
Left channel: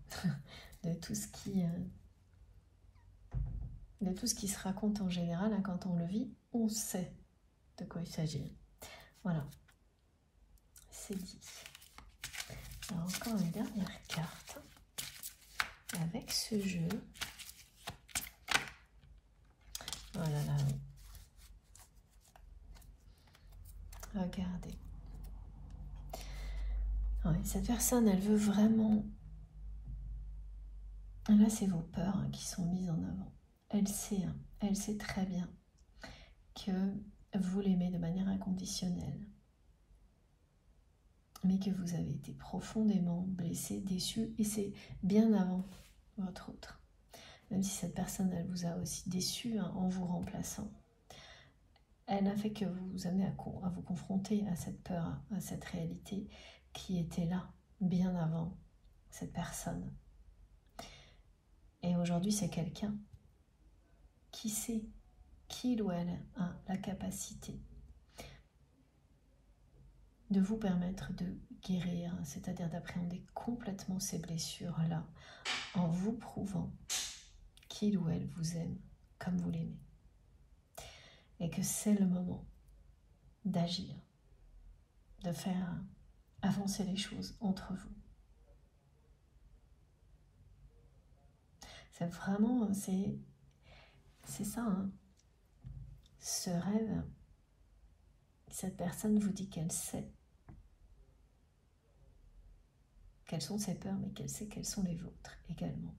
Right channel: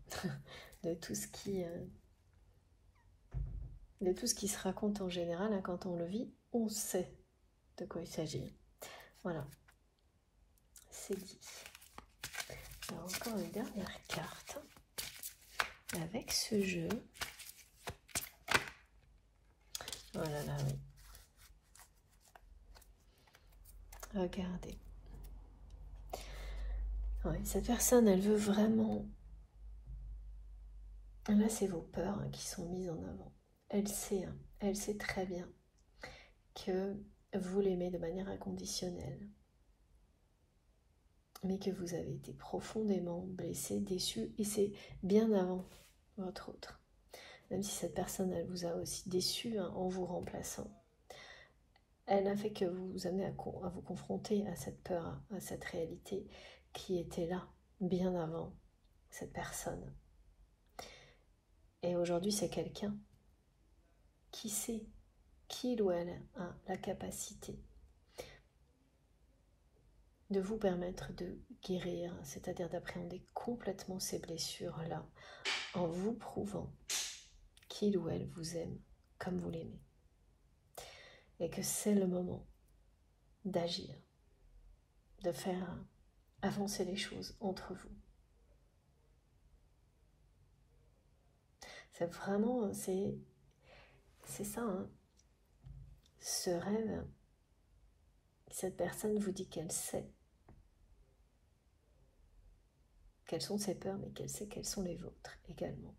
de tout ce qui se raconte en général. Hein, quand on le vit, on sait de quoi il s'agit. Voilà, c'est dit. Alors encore une dernière carte. Et avec ce jeu... Oh là là, oui. Regardez. Ouais, cette personne, elle veut vraiment... Là, c'est vos peurs hein, qui sont mises en avant. Elle sait très bien que vous l'aimez de manière inconditionnelle. mais que vous avez été profondément blessé, déçu, et c'est bien avant votre autre. Même si cette personne, elle vous a aussi déçu hein, en vous remplaçant. Elle n'a fait que vous amener à vous confronter à cette peur, à cette réalité qui était là, bien avant cette personne. Et aujourd'hui, c'est quelqu'un qui sait qu'il ou elle a la capacité de vous permettre de guérir, c'est-à-dire d'appréhender complètement ces blessures-là, en vous prouvant qu'il ou elle vous aime comme vous l'aimez. Et que c'est le moment d'agir, de faire avancer les choses entre vous. C'est vraiment, c'est ça, hein. Ce rêve, cette personne vous dit qu'elle sait quelles sont ses peurs, mais qu'elle sait quelles sont les vôtres également.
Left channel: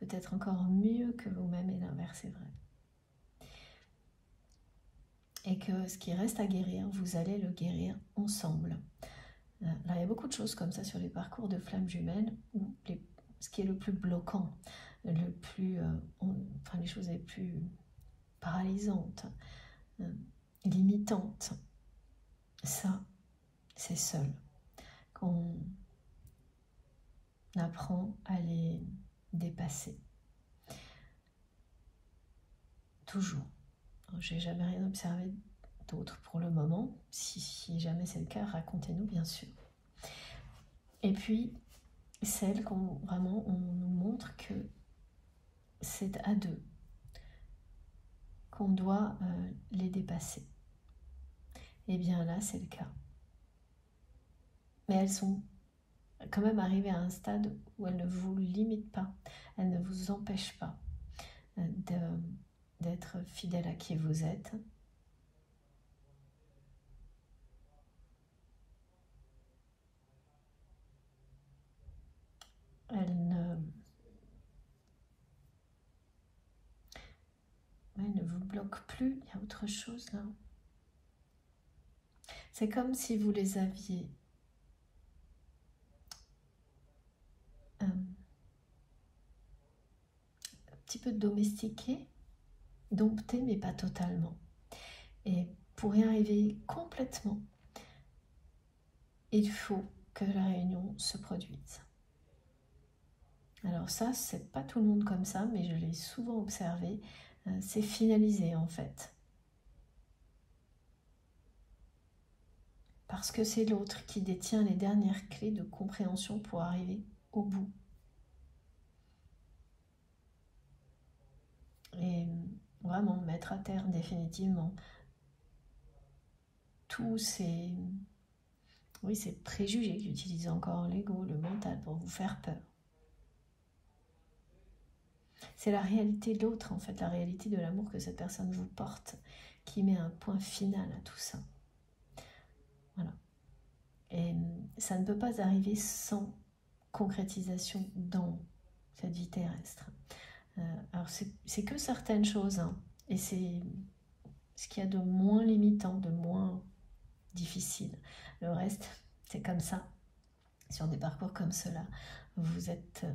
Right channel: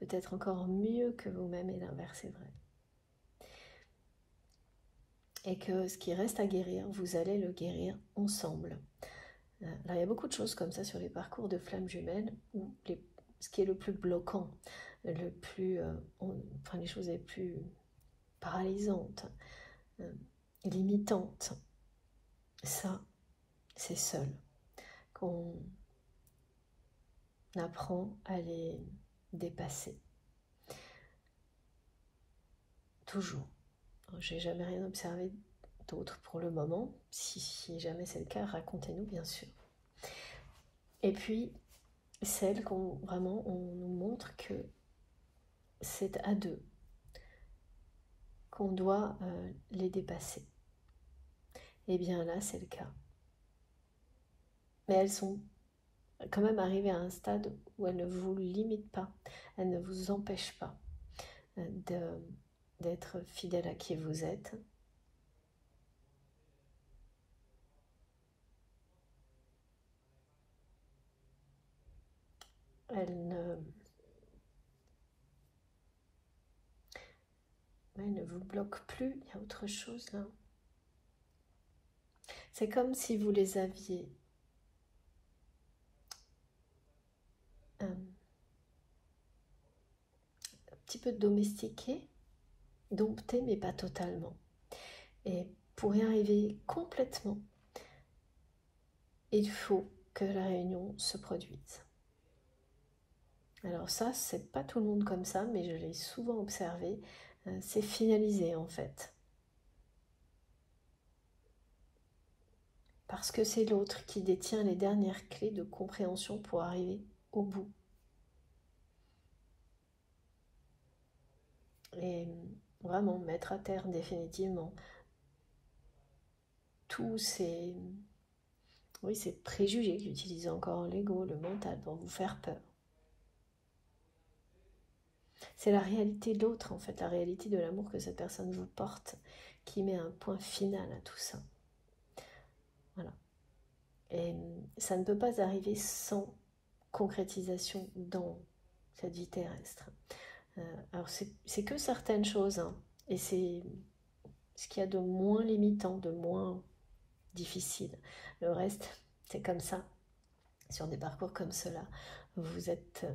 Peut-être encore mieux que vous-même, et l'inverse est vrai. Et que ce qui reste à guérir, vous allez le guérir ensemble. Là, il y a beaucoup de choses comme ça sur les parcours de flammes jumelles, où ce qui est le plus bloquant, le plus, les choses les plus paralysantes, limitantes, ça, c'est seul qu'on apprend à les dépasser. Toujours. J'ai jamais rien observé d'autre pour le moment. Si jamais c'est le cas, racontez-nous bien sûr. Et puis, celles qu'on vraiment, on nous montre que c'est à deux qu'on doit les dépasser. Et bien là, c'est le cas. Mais elles sont quand même arrivées à un stade où elles ne vous limitent pas, elles ne vous empêchent pas d'être fidèle à qui vous êtes. Elles ne vous bloquent plus, il y a autre chose là. C'est comme si vous les aviez un petit peu domestiqués, domptés, mais pas totalement. Et pour y arriver complètement, il faut que la réunion se produise. Alors ça, c'est pas tout le monde comme ça, mais je l'ai souvent observé, c'est finalisé en fait. Parce que c'est l'autre qui détient les dernières clés de compréhension pour arriver au bout. Et vraiment mettre à terre définitivement tous ces préjugés, j'utilise encore l'ego, le mental pour vous faire peur. C'est la réalité de l'autre, en fait, la réalité de l'amour que cette personne vous porte, qui met un point final à tout ça. Voilà. Et ça ne peut pas arriver sans concrétisation dans cette vie terrestre. Alors, c'est que certaines choses, hein, et c'est ce qu'il y a de moins limitant, de moins difficile. Le reste, c'est comme ça. Sur des parcours comme cela, vous êtes...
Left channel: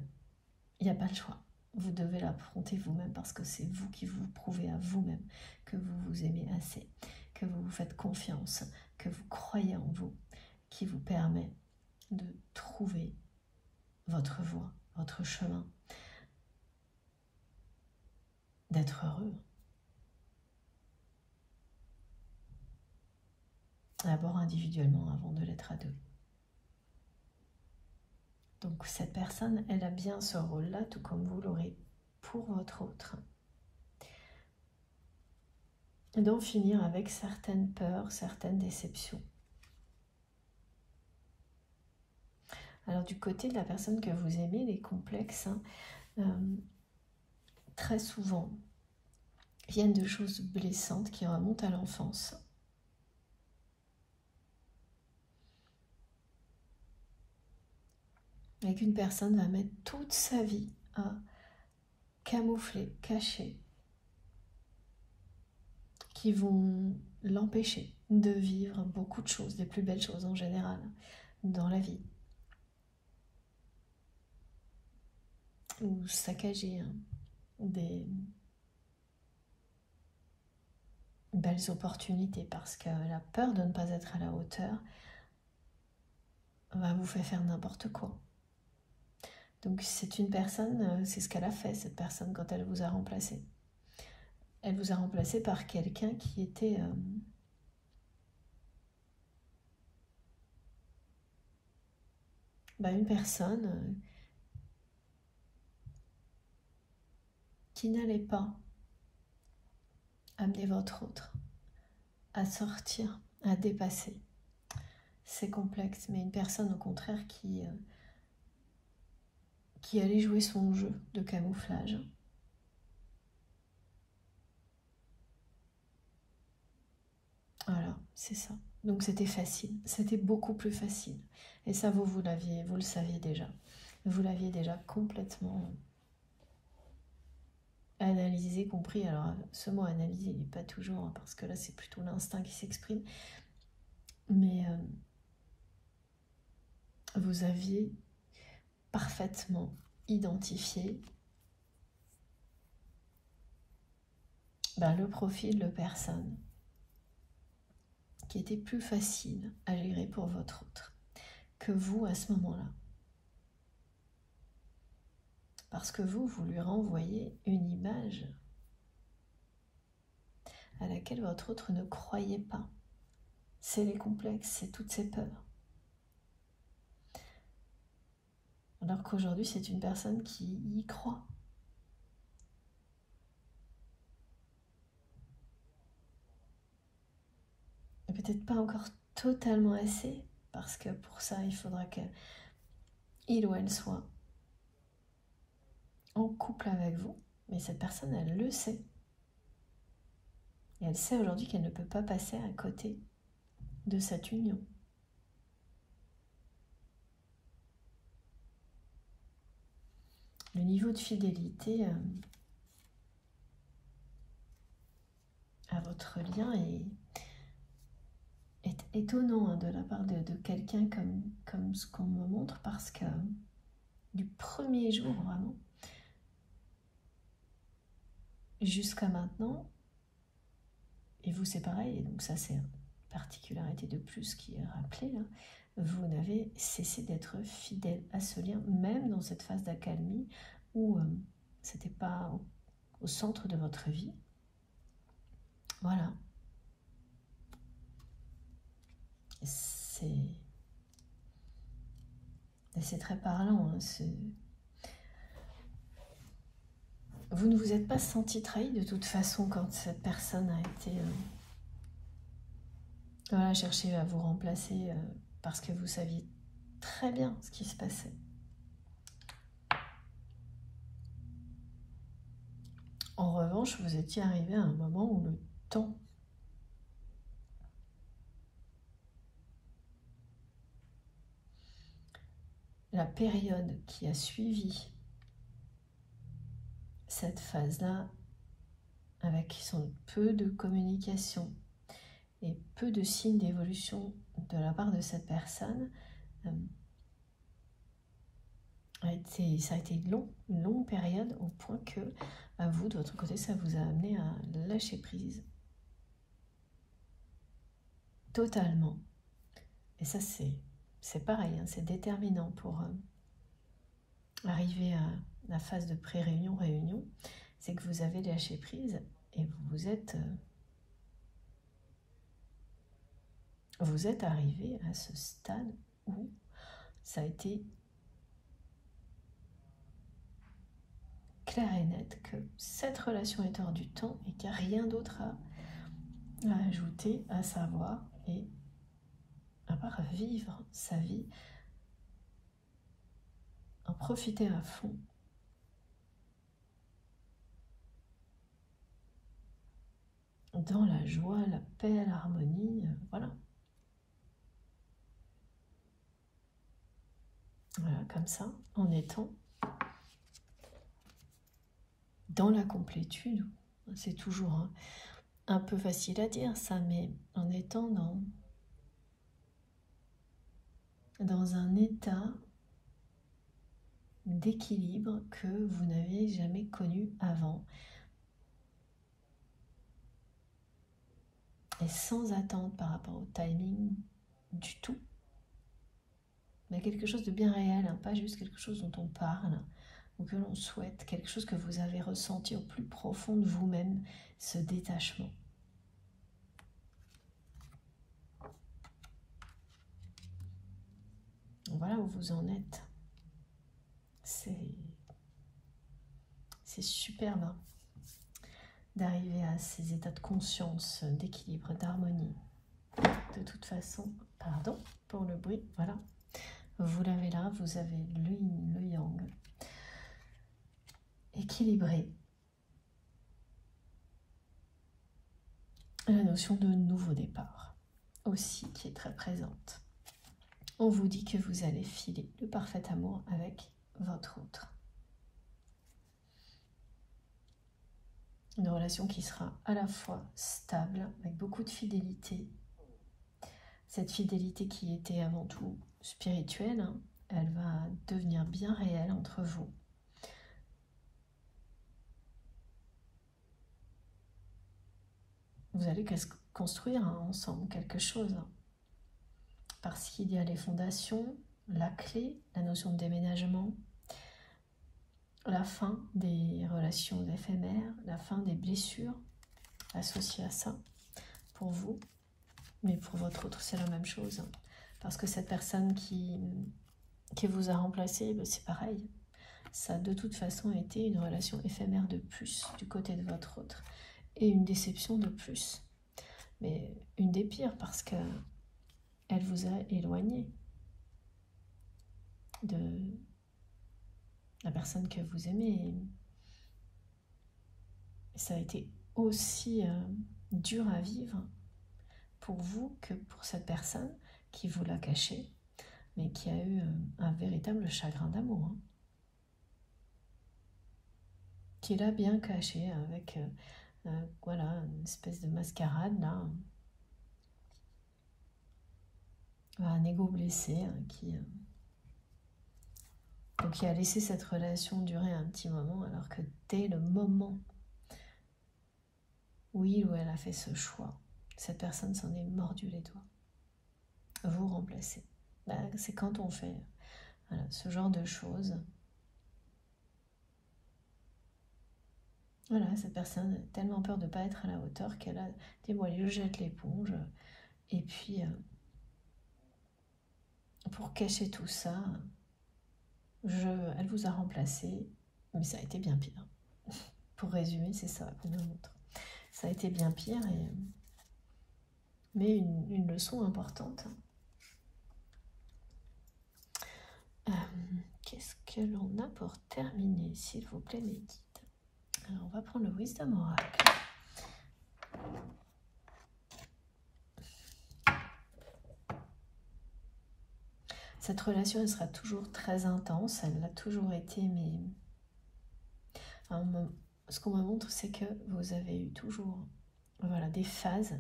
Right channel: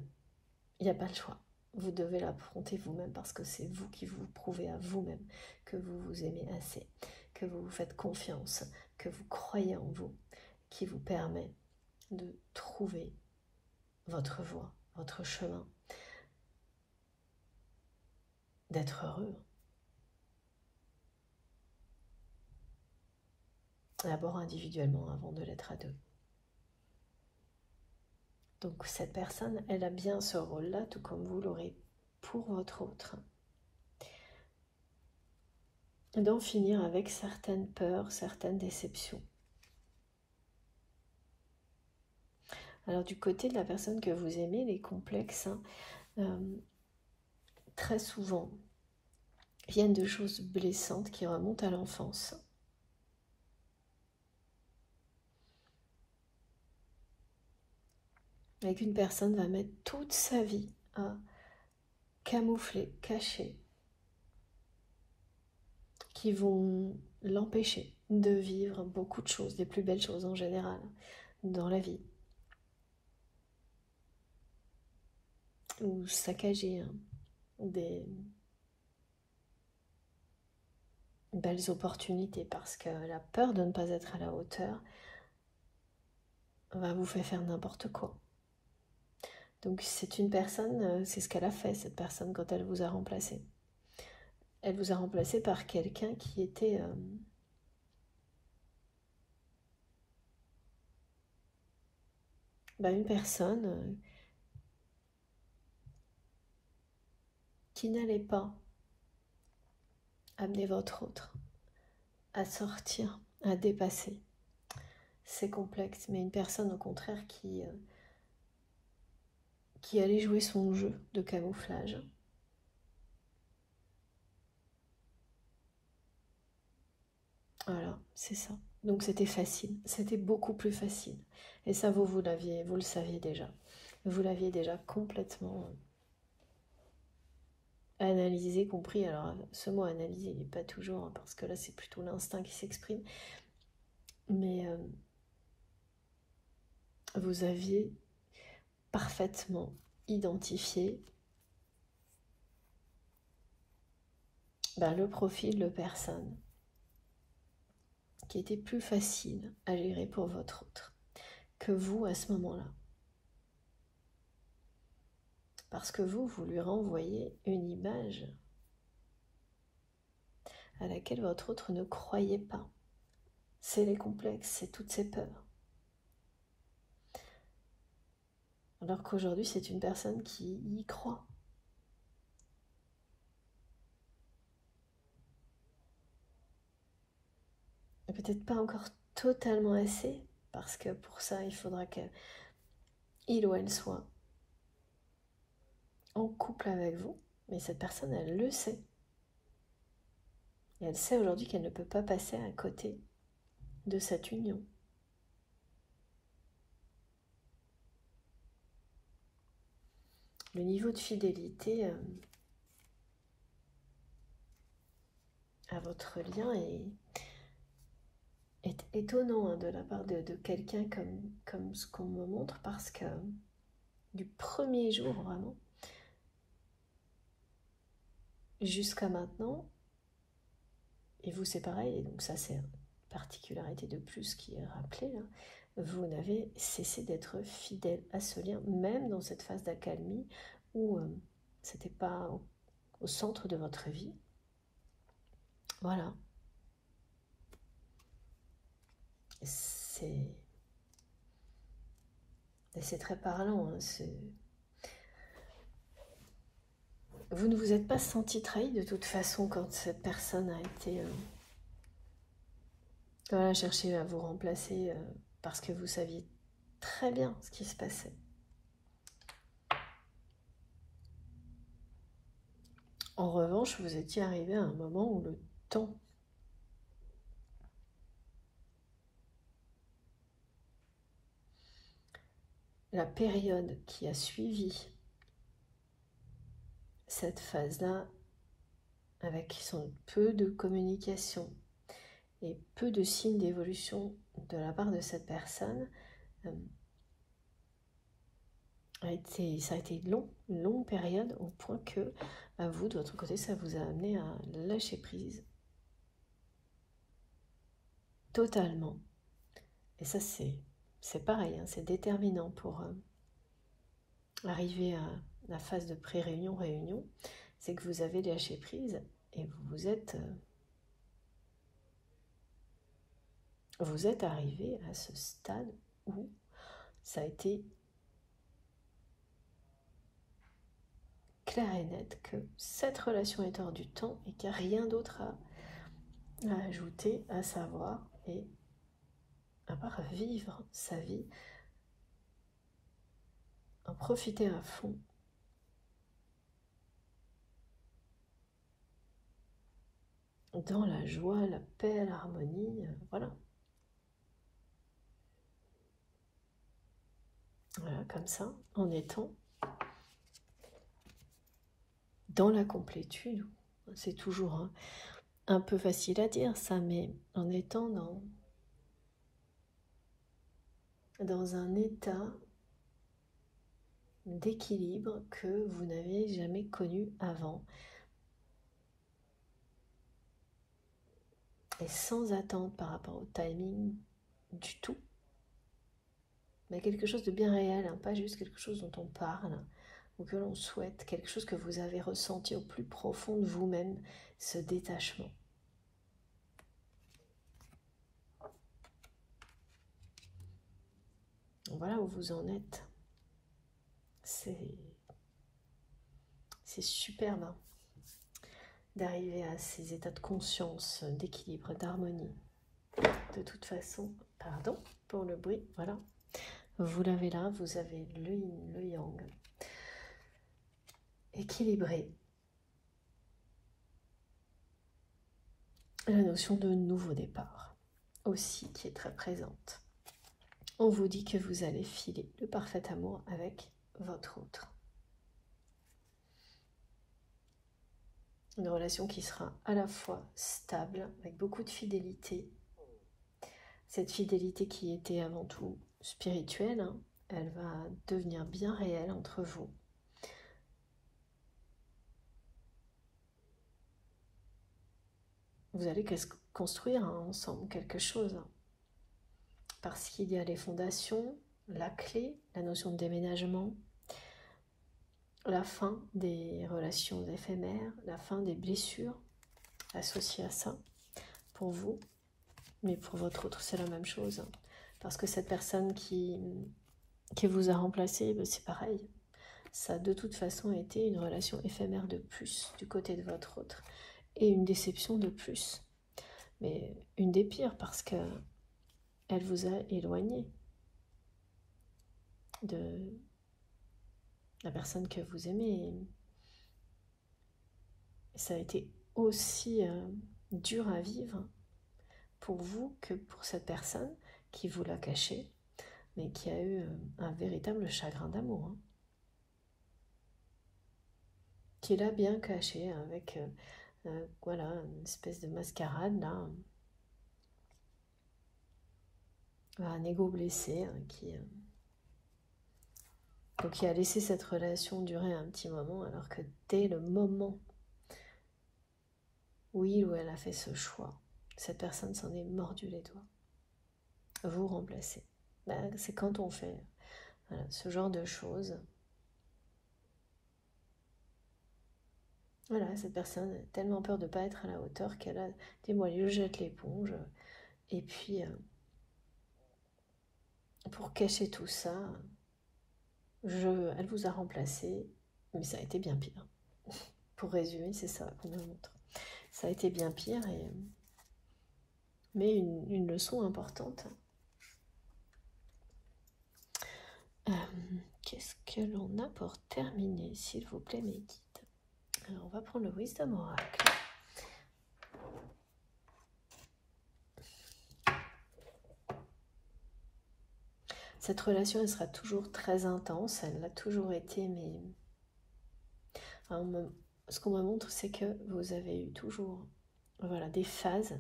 Il n'y a pas le choix. Vous devez l'affronter vous-même parce que c'est vous qui vous prouvez à vous-même que vous vous aimez assez, que vous vous faites confiance, que vous croyez en vous, qui vous permet de trouver votre voie, votre chemin, d'être heureux. D'abord individuellement avant de l'être à deux. Donc cette personne, elle a bien ce rôle-là, tout comme vous l'aurez pour votre autre. D'en finir avec certaines peurs, certaines déceptions. Alors du côté de la personne que vous aimez, les complexes, très souvent, viennent de choses blessantes qui remontent à l'enfance. Et qu'une personne va mettre toute sa vie à camoufler, cacher, qui vont l'empêcher de vivre beaucoup de choses, des plus belles choses en général dans la vie. Ou saccager des belles opportunités parce que la peur de ne pas être à la hauteur va vous faire n'importe quoi. Donc c'est une personne, c'est ce qu'elle a fait, cette personne, quand elle vous a remplacé. Elle vous a remplacé par quelqu'un qui était une personne qui n'allait pas amener votre autre à sortir, à dépasser ses complexes, mais une personne au contraire qui allait jouer son jeu de camouflage. Voilà, c'est ça. Donc c'était facile, c'était beaucoup plus facile. Et ça, vous le saviez déjà. Vous l'aviez déjà complètement analysé, compris. Alors, ce mot analyser, il n'est pas toujours, parce que là, c'est plutôt l'instinct qui s'exprime. Mais vous aviez parfaitement identifié le profil de personne qui était plus facile à gérer pour votre autre que vous à ce moment-là. Parce que vous lui renvoyez une image à laquelle votre autre ne croyait pas. C'est les complexes, c'est toutes ces peurs. Alors qu'aujourd'hui, c'est une personne qui y croit. Et peut-être pas encore totalement assez, parce que pour ça, il faudra qu'il ou elle soit en couple avec vous. Mais cette personne, elle le sait. Et elle sait aujourd'hui qu'elle ne peut pas passer à côté de cette union. Le niveau de fidélité à votre lien est étonnant de la part de quelqu'un comme ce qu'on me montre, parce que du premier jour vraiment jusqu'à maintenant, et vous c'est pareil, et donc ça c'est une particularité de plus qui est rappelée là, vous n'avez cessé d'être fidèle à ce lien, même dans cette phase d'accalmie où c'était pas au centre de votre vie. Voilà. C'est très parlant. Hein, vous ne vous êtes pas senti trahi de toute façon quand cette personne a été chercher à vous remplacer parce que vous saviez très bien ce qui se passait. En revanche, vous étiez arrivé à un moment où le temps la période qui a suivi cette phase-là, avec son peu de communication et peu de signes d'évolution de la part de cette personne, ça a été long, une longue période, au point que vous, de votre côté, ça vous a amené à lâcher prise. Totalement. Et ça, c'est pareil, hein, c'est déterminant pour arriver à la phase de pré-réunion, réunion, c'est que vous avez lâché prise et vous êtes arrivé à ce stade où ça a été clair et net que cette relation est hors du temps et qu'il n'y a rien d'autre à ajouter, à savoir, et à part vivre sa vie, en profiter à fond. Dans la joie, la paix, l'harmonie, voilà. Voilà, comme ça, en étant dans la complétude, c'est toujours un peu facile à dire ça, mais en étant dans un état d'équilibre que vous n'avez jamais connu avant. Et sans attente par rapport au timing du tout. Mais quelque chose de bien réel, hein, pas juste quelque chose dont on parle ou que l'on souhaite, quelque chose que vous avez ressenti au plus profond de vous-même, ce détachement. Voilà où vous en êtes. C'est superbe hein, d'arriver à ces états de conscience, d'équilibre, d'harmonie. De toute façon, pardon pour le bruit, voilà. Vous l'avez là, vous avez le yin, le yang, équilibré. La notion de nouveau départ aussi qui est très présente. On vous dit que vous allez filer le parfait amour avec votre autre. Une relation qui sera à la fois stable, avec beaucoup de fidélité. Cette fidélité qui était avant tout spirituelle, hein, elle va devenir bien réelle entre vous. Vous allez construire hein, ensemble quelque chose. Parce qu'il y a les fondations, la clé, la notion de déménagement, la fin des relations éphémères, la fin des blessures associées à ça. Pour vous, mais pour votre autre, c'est la même chose. Parce que cette personne qui vous a remplacé, c'est pareil. Ça a de toute façon été une relation éphémère de plus du côté de votre autre. Et une déception de plus. Mais une des pires parce que elle vous a éloigné de la personne que vous aimez. Et ça a été aussi dur à vivre pour vous que pour cette personne qui vous l'a caché, mais qui a eu un véritable chagrin d'amour. Hein, qui l'a bien caché avec voilà, une espèce de mascarade là. Un ego blessé hein, qui a laissé cette relation durer un petit moment, alors que dès le moment où il ou elle a fait ce choix, cette personne s'en est mordu les doigts. Vous remplacez. Ben, c'est quand on fait voilà, ce genre de choses. Voilà, cette personne a tellement peur de ne pas être à la hauteur qu'elle a dit, moi, je jette l'éponge. Et puis, pour cacher tout ça, elle vous a remplacé, mais ça a été bien pire. Pour résumer, c'est ça qu'on nous montre. Ça a été bien pire, mais une leçon importante. Qu'est-ce que l'on a pour terminer, s'il vous plaît, mes guides? Alors, on va prendre le Wisdom Oracle. Cette relation, elle sera toujours très intense. Elle l'a toujours été, mais... Alors, ce qu'on me montre, c'est que vous avez eu toujours voilà, des phases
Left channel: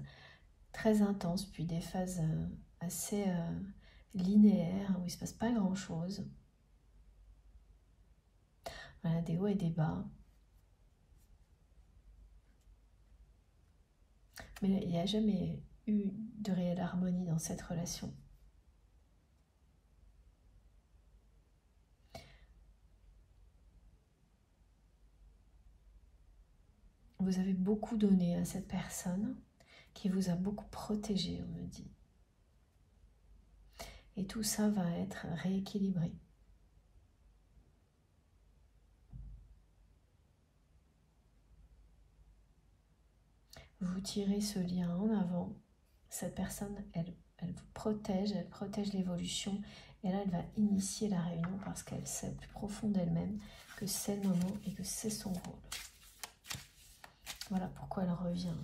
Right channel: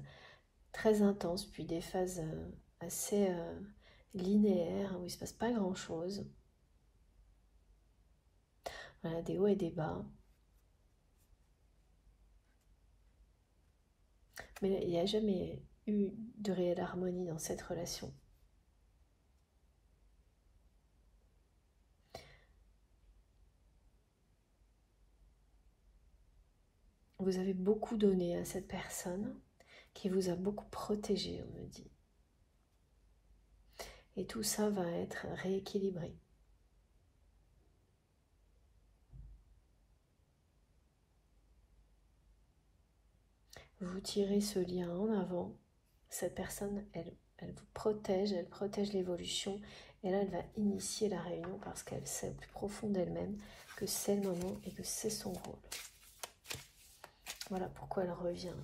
très intenses, puis des phases assez linéaires, où il ne se passe pas grand-chose. Voilà, des hauts et des bas. Mais il n'y a jamais eu de réelle harmonie dans cette relation. Vous avez beaucoup donné à cette personne qui vous a beaucoup protégé, on me dit. Et tout ça va être rééquilibré. Vous tirez ce lien en avant. Cette personne, elle vous protège, elle protège l'évolution. Et là, elle va initier la réunion parce qu'elle sait au plus profond d'elle-même que c'est le moment et que c'est son rôle. Voilà pourquoi elle revient.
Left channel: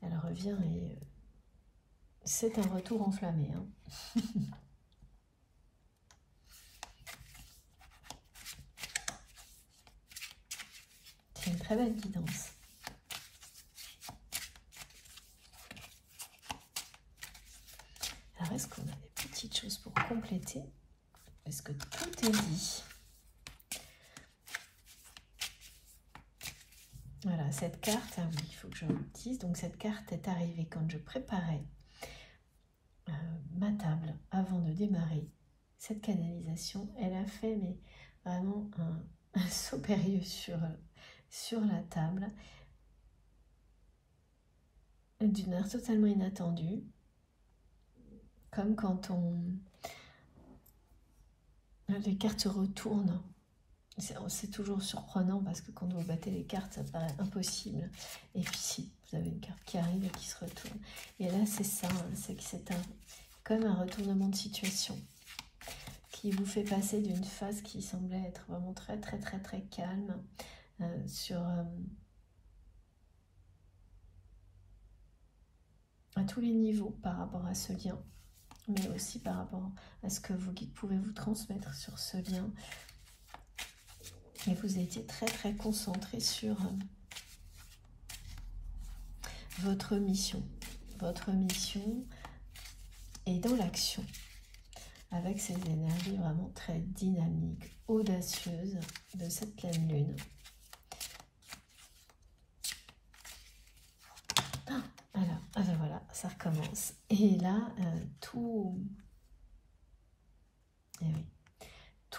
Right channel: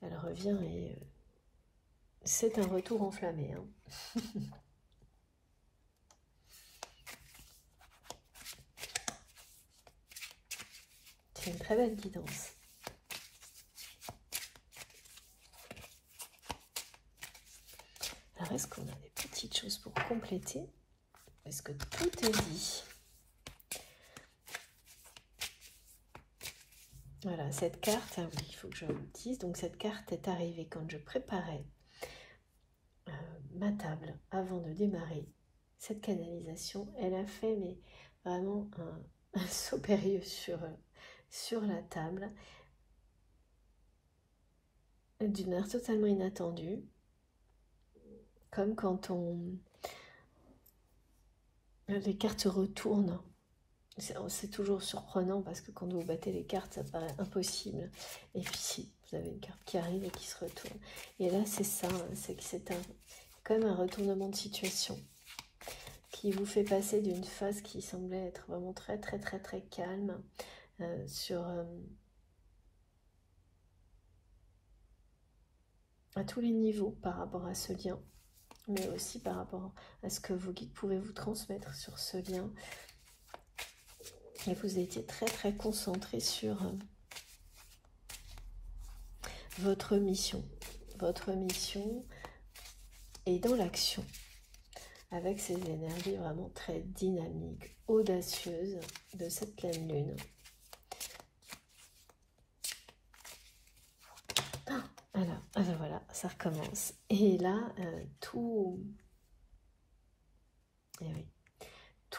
Elle revient et c'est un retour enflammé. Hein. C'est une très belle guidance. compléter. Est-ce que tout est dit? Voilà, cette carte, ah oui, il faut que je le dise. Donc cette carte est arrivée quand je préparais ma table avant de démarrer cette canalisation. Elle a fait mais vraiment un saut périlleux sur la table, d'une manière totalement inattendue, comme quand les cartes se retournent. C'est toujours surprenant parce que quand vous battez les cartes, ça paraît impossible. Et puis si, vous avez une carte qui arrive et qui se retourne. Et là, c'est ça, hein, c'est que c'est comme un retournement de situation qui vous fait passer d'une phase qui semblait être vraiment très calme à tous les niveaux par rapport à ce lien, mais aussi par rapport à ce que vos guides pouvaient vous transmettre sur ce lien. Et vous étiez très concentré sur votre mission. Votre mission est dans l'action, avec ces énergies vraiment très dynamiques, audacieuses de cette pleine lune. Alors, voilà, ça recommence. Et là, tout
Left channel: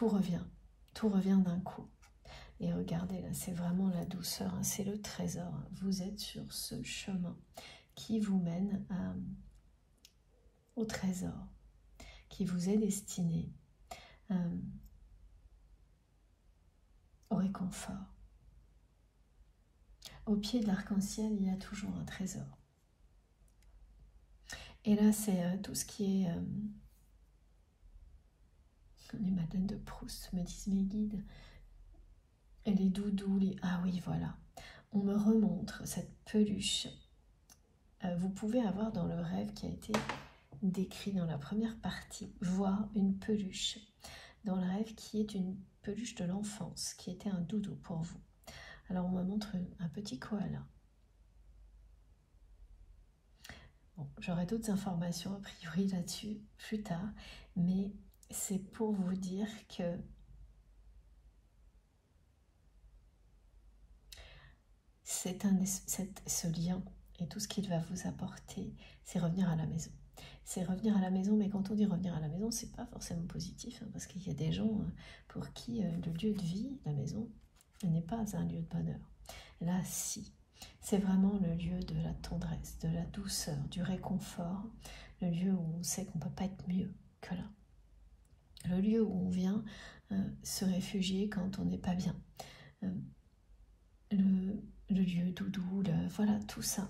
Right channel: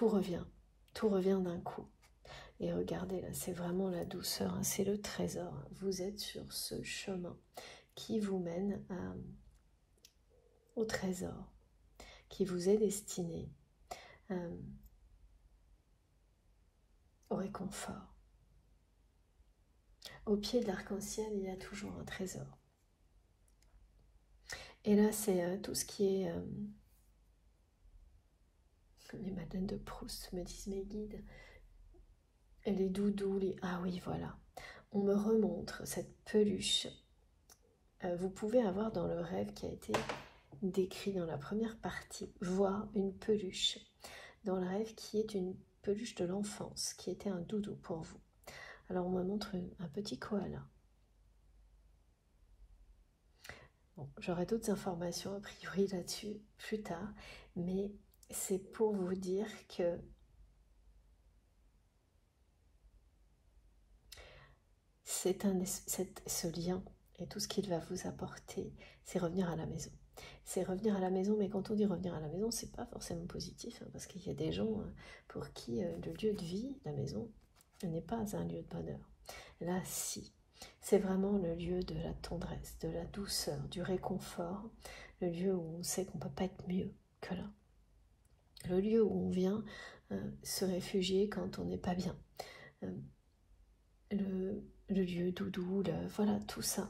revient d'un coup. Et regardez, là, c'est vraiment la douceur, hein, c'est le trésor. Vous êtes sur ce chemin qui vous mène au trésor, qui vous est destiné au réconfort. Au pied de l'arc-en-ciel, il y a toujours un trésor. Et là, c'est tout ce qui est... les Madeleines de Proust, me disent mes guides. Et les doudous, ah oui, voilà. On me remontre cette peluche. Vous pouvez avoir dans le rêve qui a été décrit dans la première partie, voir une peluche dans le rêve qui est une peluche de l'enfance, qui était un doudou pour vous. Alors on me montre un petit koala. Bon, j'aurai d'autres informations a priori là-dessus plus tard, mais c'est pour vous dire que ce lien et tout ce qu'il va vous apporter, c'est revenir à la maison. C'est revenir à la maison, mais quand on dit revenir à la maison, c'est pas forcément positif, hein, parce qu'il y a des gens pour qui le lieu de vie, la maison, n'est pas un lieu de bonheur. Là, si. C'est vraiment le lieu de la tendresse, de la douceur, du réconfort, le lieu où on sait qu'on ne peut pas être mieux que là. Le lieu où on vient se réfugier quand on n'est pas bien. Le lieu doudou, voilà, tout ça.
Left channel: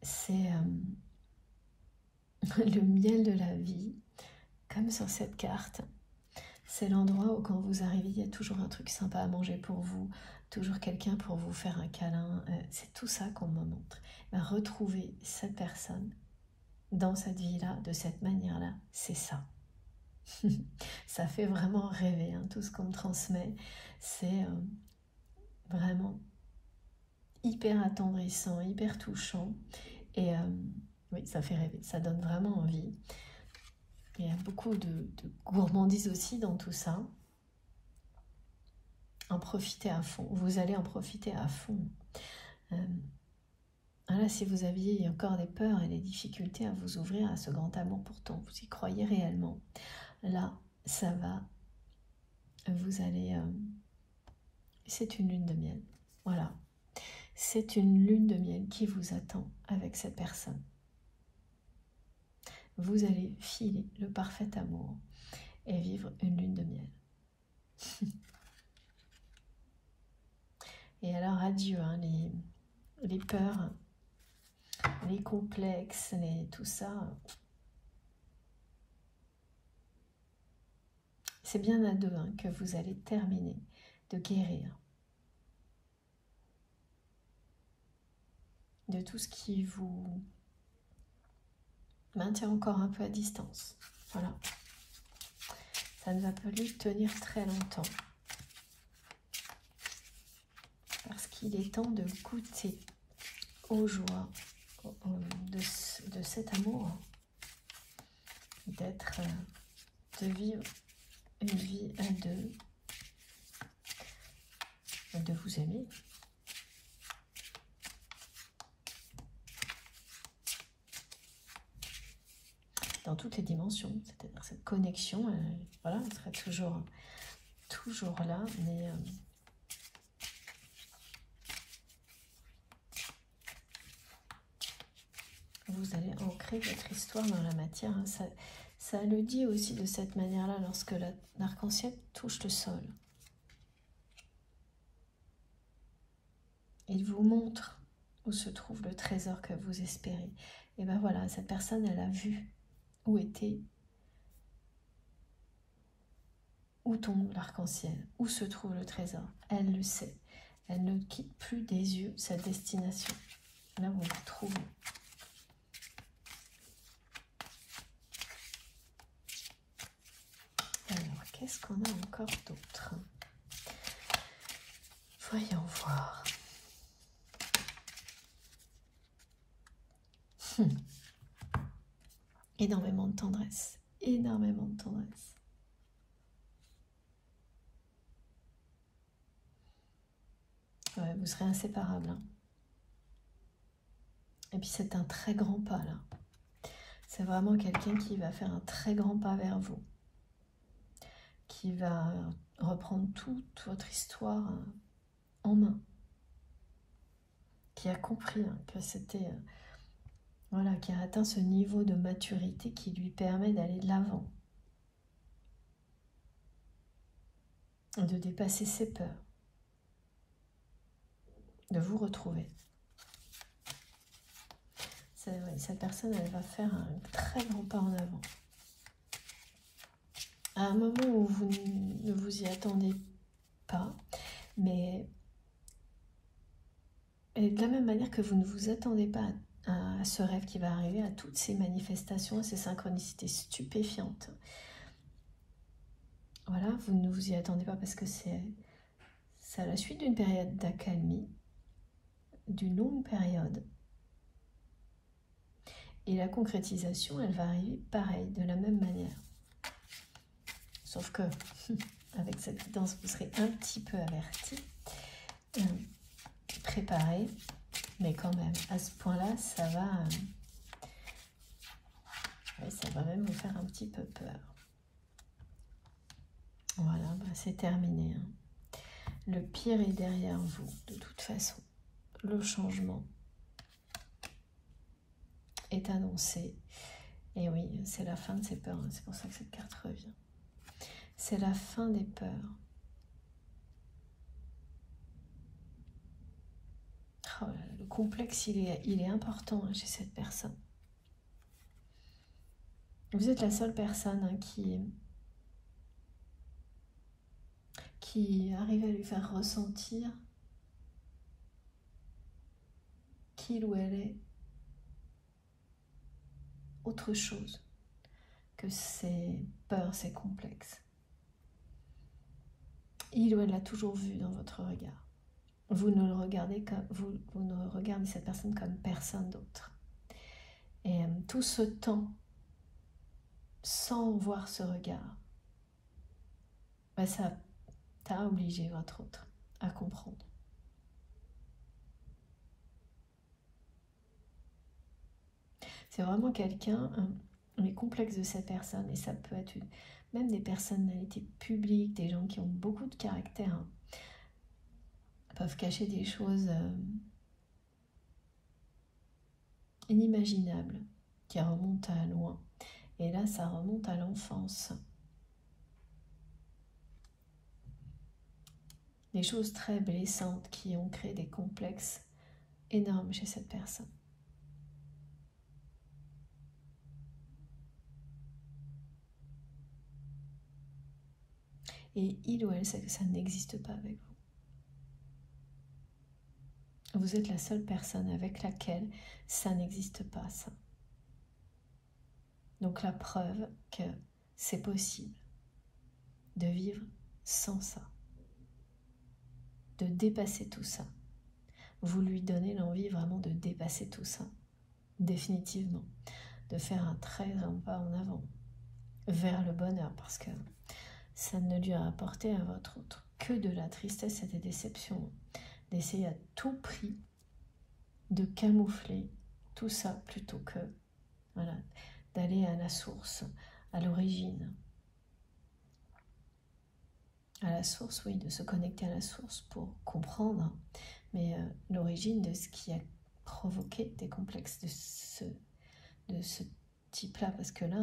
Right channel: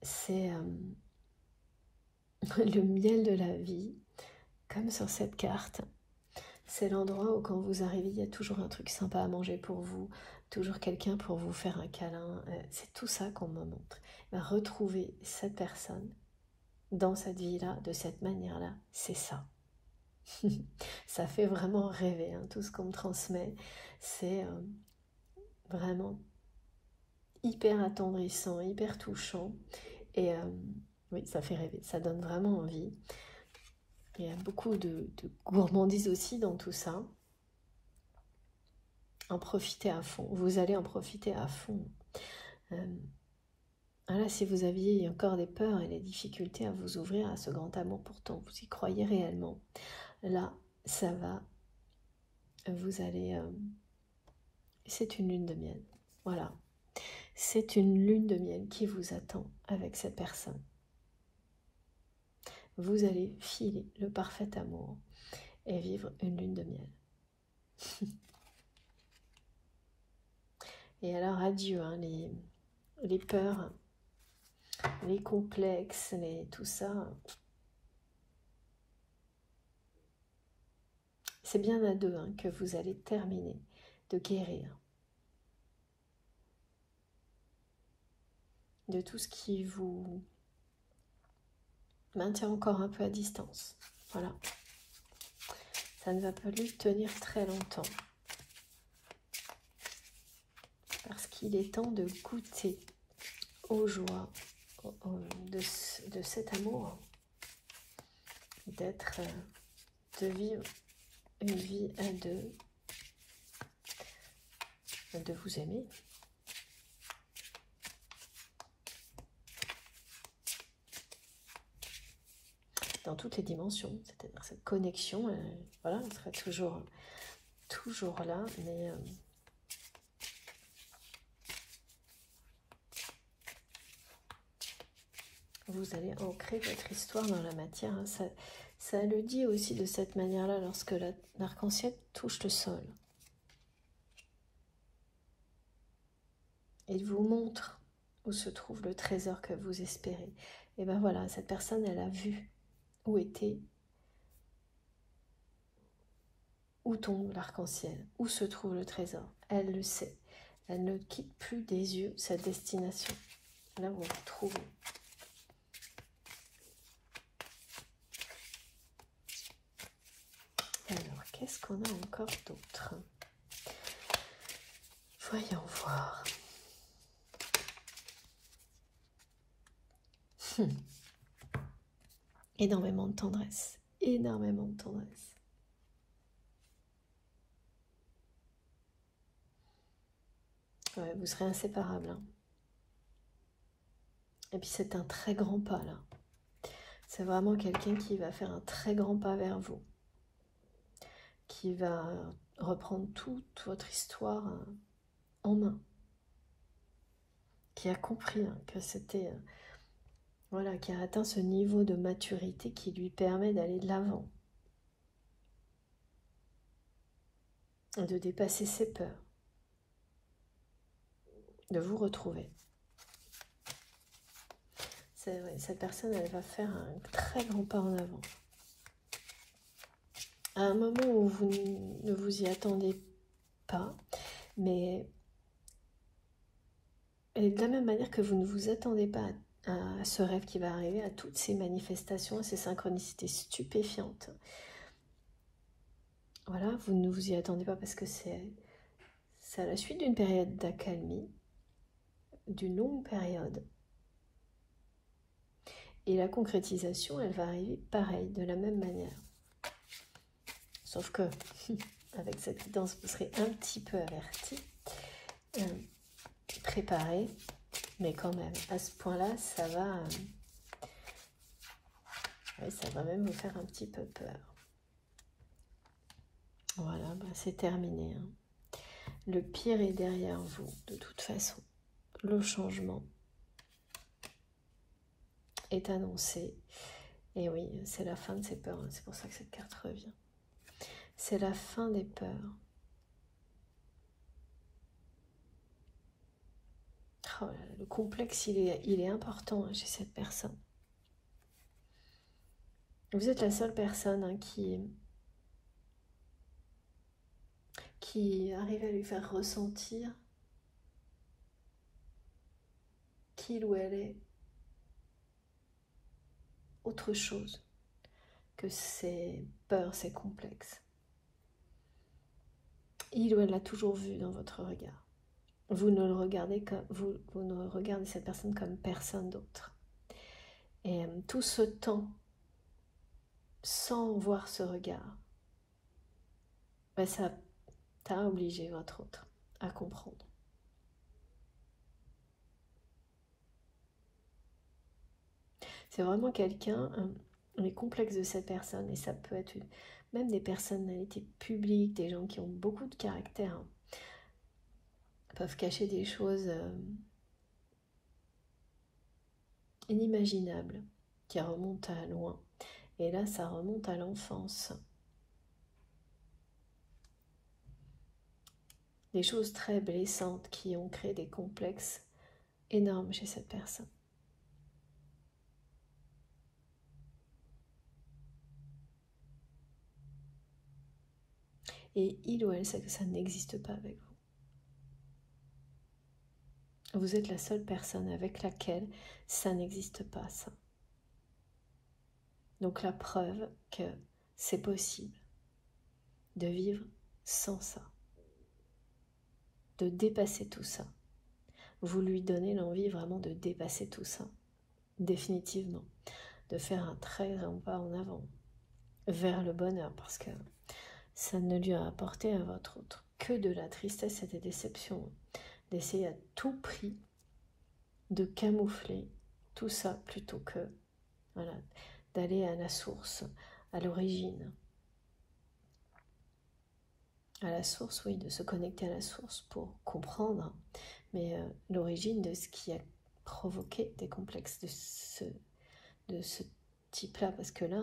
C'est le miel de la vie, comme sur cette carte. C'est l'endroit où quand vous arrivez, il y a toujours un truc sympa à manger pour vous, toujours quelqu'un pour vous faire un câlin. C'est tout ça qu'on me montre. Retrouver cette personne dans cette vie-là, de cette manière-là, c'est ça. Ça fait vraiment rêver, hein, tout ce qu'on me transmet. C'est vraiment hyper attendrissant, hyper touchant. Et oui, ça fait rêver, ça donne vraiment envie. Il y a beaucoup de gourmandise aussi dans tout ça. En profiter à fond. Vous allez en profiter à fond. Voilà, si vous aviez encore des peurs et des difficultés à vous ouvrir à ce grand amour, pourtant vous y croyez réellement, là, ça va. Vous allez... c'est une lune de miel. Voilà. C'est une lune de miel qui vous attend avec cette personne. Vous allez filer le parfait amour et vivre une lune de miel. Et alors adieu, hein, les peurs, les complexes, tout ça. C'est bien à deux, hein, que vous allez terminer de guérir de tout ce qui vous maintient encore un peu à distance. Voilà. Ça ne va pas lui tenir très longtemps. Parce qu'il est temps de goûter aux joies de cet amour. d'être, de vivre une vie à deux, de vous aimer. Dans toutes les dimensions, c'est-à-dire cette connexion, voilà, elle sera toujours là, mais vous allez ancrer votre histoire dans la matière. Hein. Ça le dit aussi de cette manière-là lorsque l'arc-en-ciel touche le sol. Il vous montre où se trouve le trésor que vous espérez. Et bien voilà, cette personne, elle a vu où tombe l'arc-en-ciel, où se trouve le trésor. Elle le sait. Elle ne quitte plus des yeux sa destination. Là où vous la trouvez. Alors, qu'est-ce qu'on a encore d'autre? Voyons voir. Énormément de tendresse. Énormément de tendresse. Ouais, vous serez inséparables. Hein. Et puis c'est un très grand pas là. C'est vraiment quelqu'un qui va faire un très grand pas vers vous. Qui va reprendre toute votre histoire en main. Qui a compris que c'était... voilà, qui a atteint ce niveau de maturité qui lui permet d'aller de l'avant. Et de dépasser ses peurs. De vous retrouver. Vrai, cette personne, elle va faire un très grand pas en avant. À un moment où vous ne vous y attendez pas, mais et de la même manière que vous ne vous attendez pas à ce rêve qui va arriver, à toutes ces manifestations, ces synchronicités stupéfiantes. Voilà, vous ne vous y attendez pas parce que c'est à la suite d'une période d'accalmie, d'une longue période. Et la concrétisation, elle va arriver pareil, de la même manière. Sauf que, avec cette guidance, vous serez un petit peu averti, préparé, mais quand même, à ce point-là, ça va même vous faire un petit peu peur. Voilà, bah c'est terminé. Hein. Le pire est derrière vous, de toute façon. Le changement est annoncé. Et oui, c'est la fin de ces peurs. Hein. C'est pour ça que cette carte revient. C'est la fin des peurs. Oh, le complexe, il est important hein, chez cette personne. Vous êtes la seule personne hein, qui arrive à lui faire ressentir qu'il ou elle est autre chose que ses peurs, ses complexes. Il ou elle l'a toujours vu dans votre regard. Vous ne regardez cette personne comme personne d'autre. Et tout ce temps, sans voir ce regard, ben ça a obligé votre autre à comprendre. C'est vraiment quelqu'un, les complexes de cette personne, et ça peut être même des personnalités publiques, des gens qui ont beaucoup de caractère, hein, peuvent cacher des choses inimaginables, qui remontent à loin. Et là, ça remonte à l'enfance. Des choses très blessantes qui ont créé des complexes énormes chez cette personne. Et il ou elle sait que ça n'existe pas avec vous. Vous êtes la seule personne avec laquelle ça n'existe pas, ça. Donc la preuve que c'est possible de vivre sans ça. De dépasser tout ça. Vous lui donnez l'envie vraiment de dépasser tout ça. Définitivement. De faire un très grand pas en avant. vers le bonheur, parce que ça ne lui a apporté à votre autre que de la tristesse et des déceptions, d'essayer à tout prix de camoufler tout ça plutôt que voilà, d'aller à la source, à l'origine. À la source, oui, de se connecter à la source pour comprendre, mais l'origine de ce qui a provoqué des complexes de ce type-là, parce que là,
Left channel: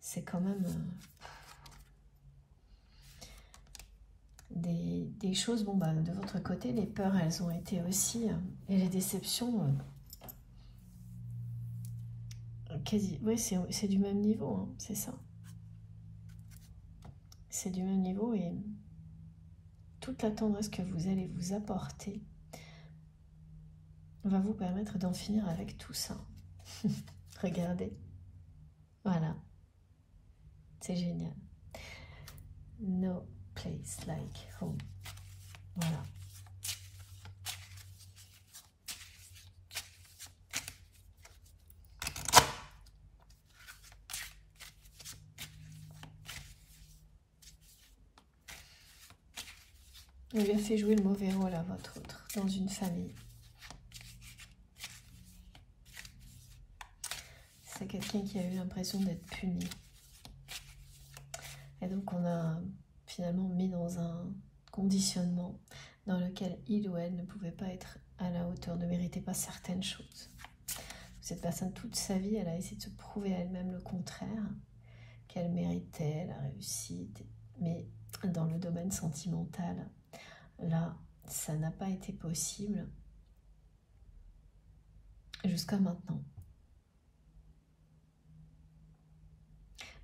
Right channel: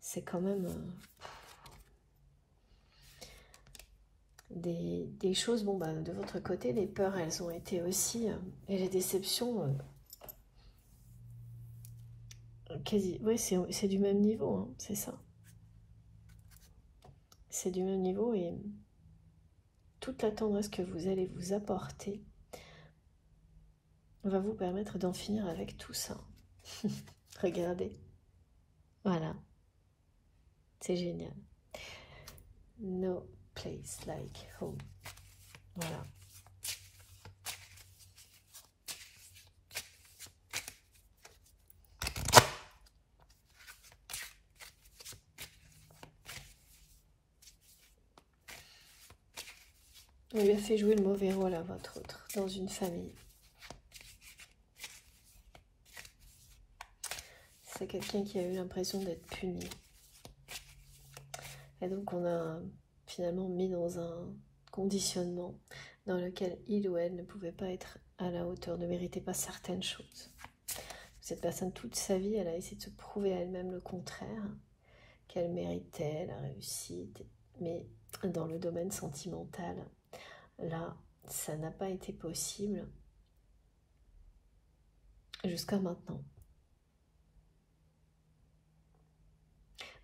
c'est quand même des choses, bon, de votre côté, les peurs, elles ont été aussi, et les déceptions, quasi, oui, c'est du même niveau, hein, c'est ça. C'est du même niveau, et toute la tendresse que vous allez vous apporter va vous permettre d'en finir avec tout ça. Regardez. Voilà. C'est génial. No place like home. Voilà. On lui a fait jouer le mauvais rôle à votre autre, dans une famille. C'est quelqu'un qui a eu l'impression d'être puni. Et donc on a finalement mis dans un conditionnement dans lequel il ou elle ne pouvait pas être à la hauteur, ne méritait pas certaines choses. Cette personne, toute sa vie, elle a essayé de se prouver à elle-même le contraire, qu'elle méritait la réussite, mais dans le domaine sentimental, là, ça n'a pas été possible jusqu'à maintenant.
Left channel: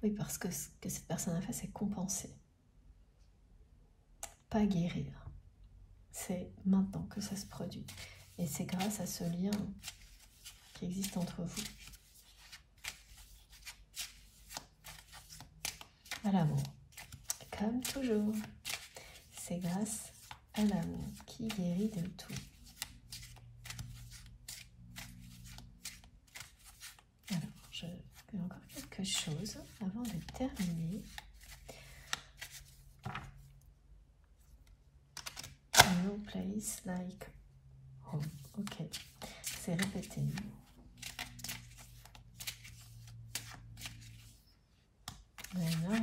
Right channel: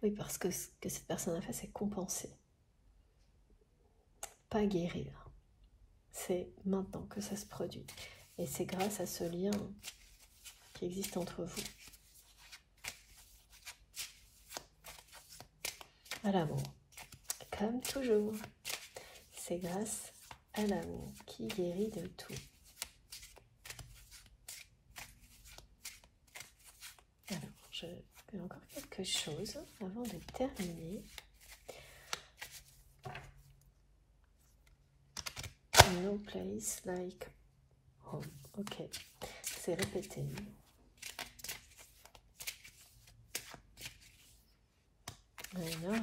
Oui, parce que ce que cette personne a fait, c'est compenser, pas guérir. C'est maintenant que ça se produit. Et c'est grâce à ce lien qui existe entre vous. À l'amour. Comme toujours, c'est grâce à l'amour qui guérit de tout. Alors, je fais encore quelque chose avant de terminer. No place like home. Ok, c'est répété. Alors.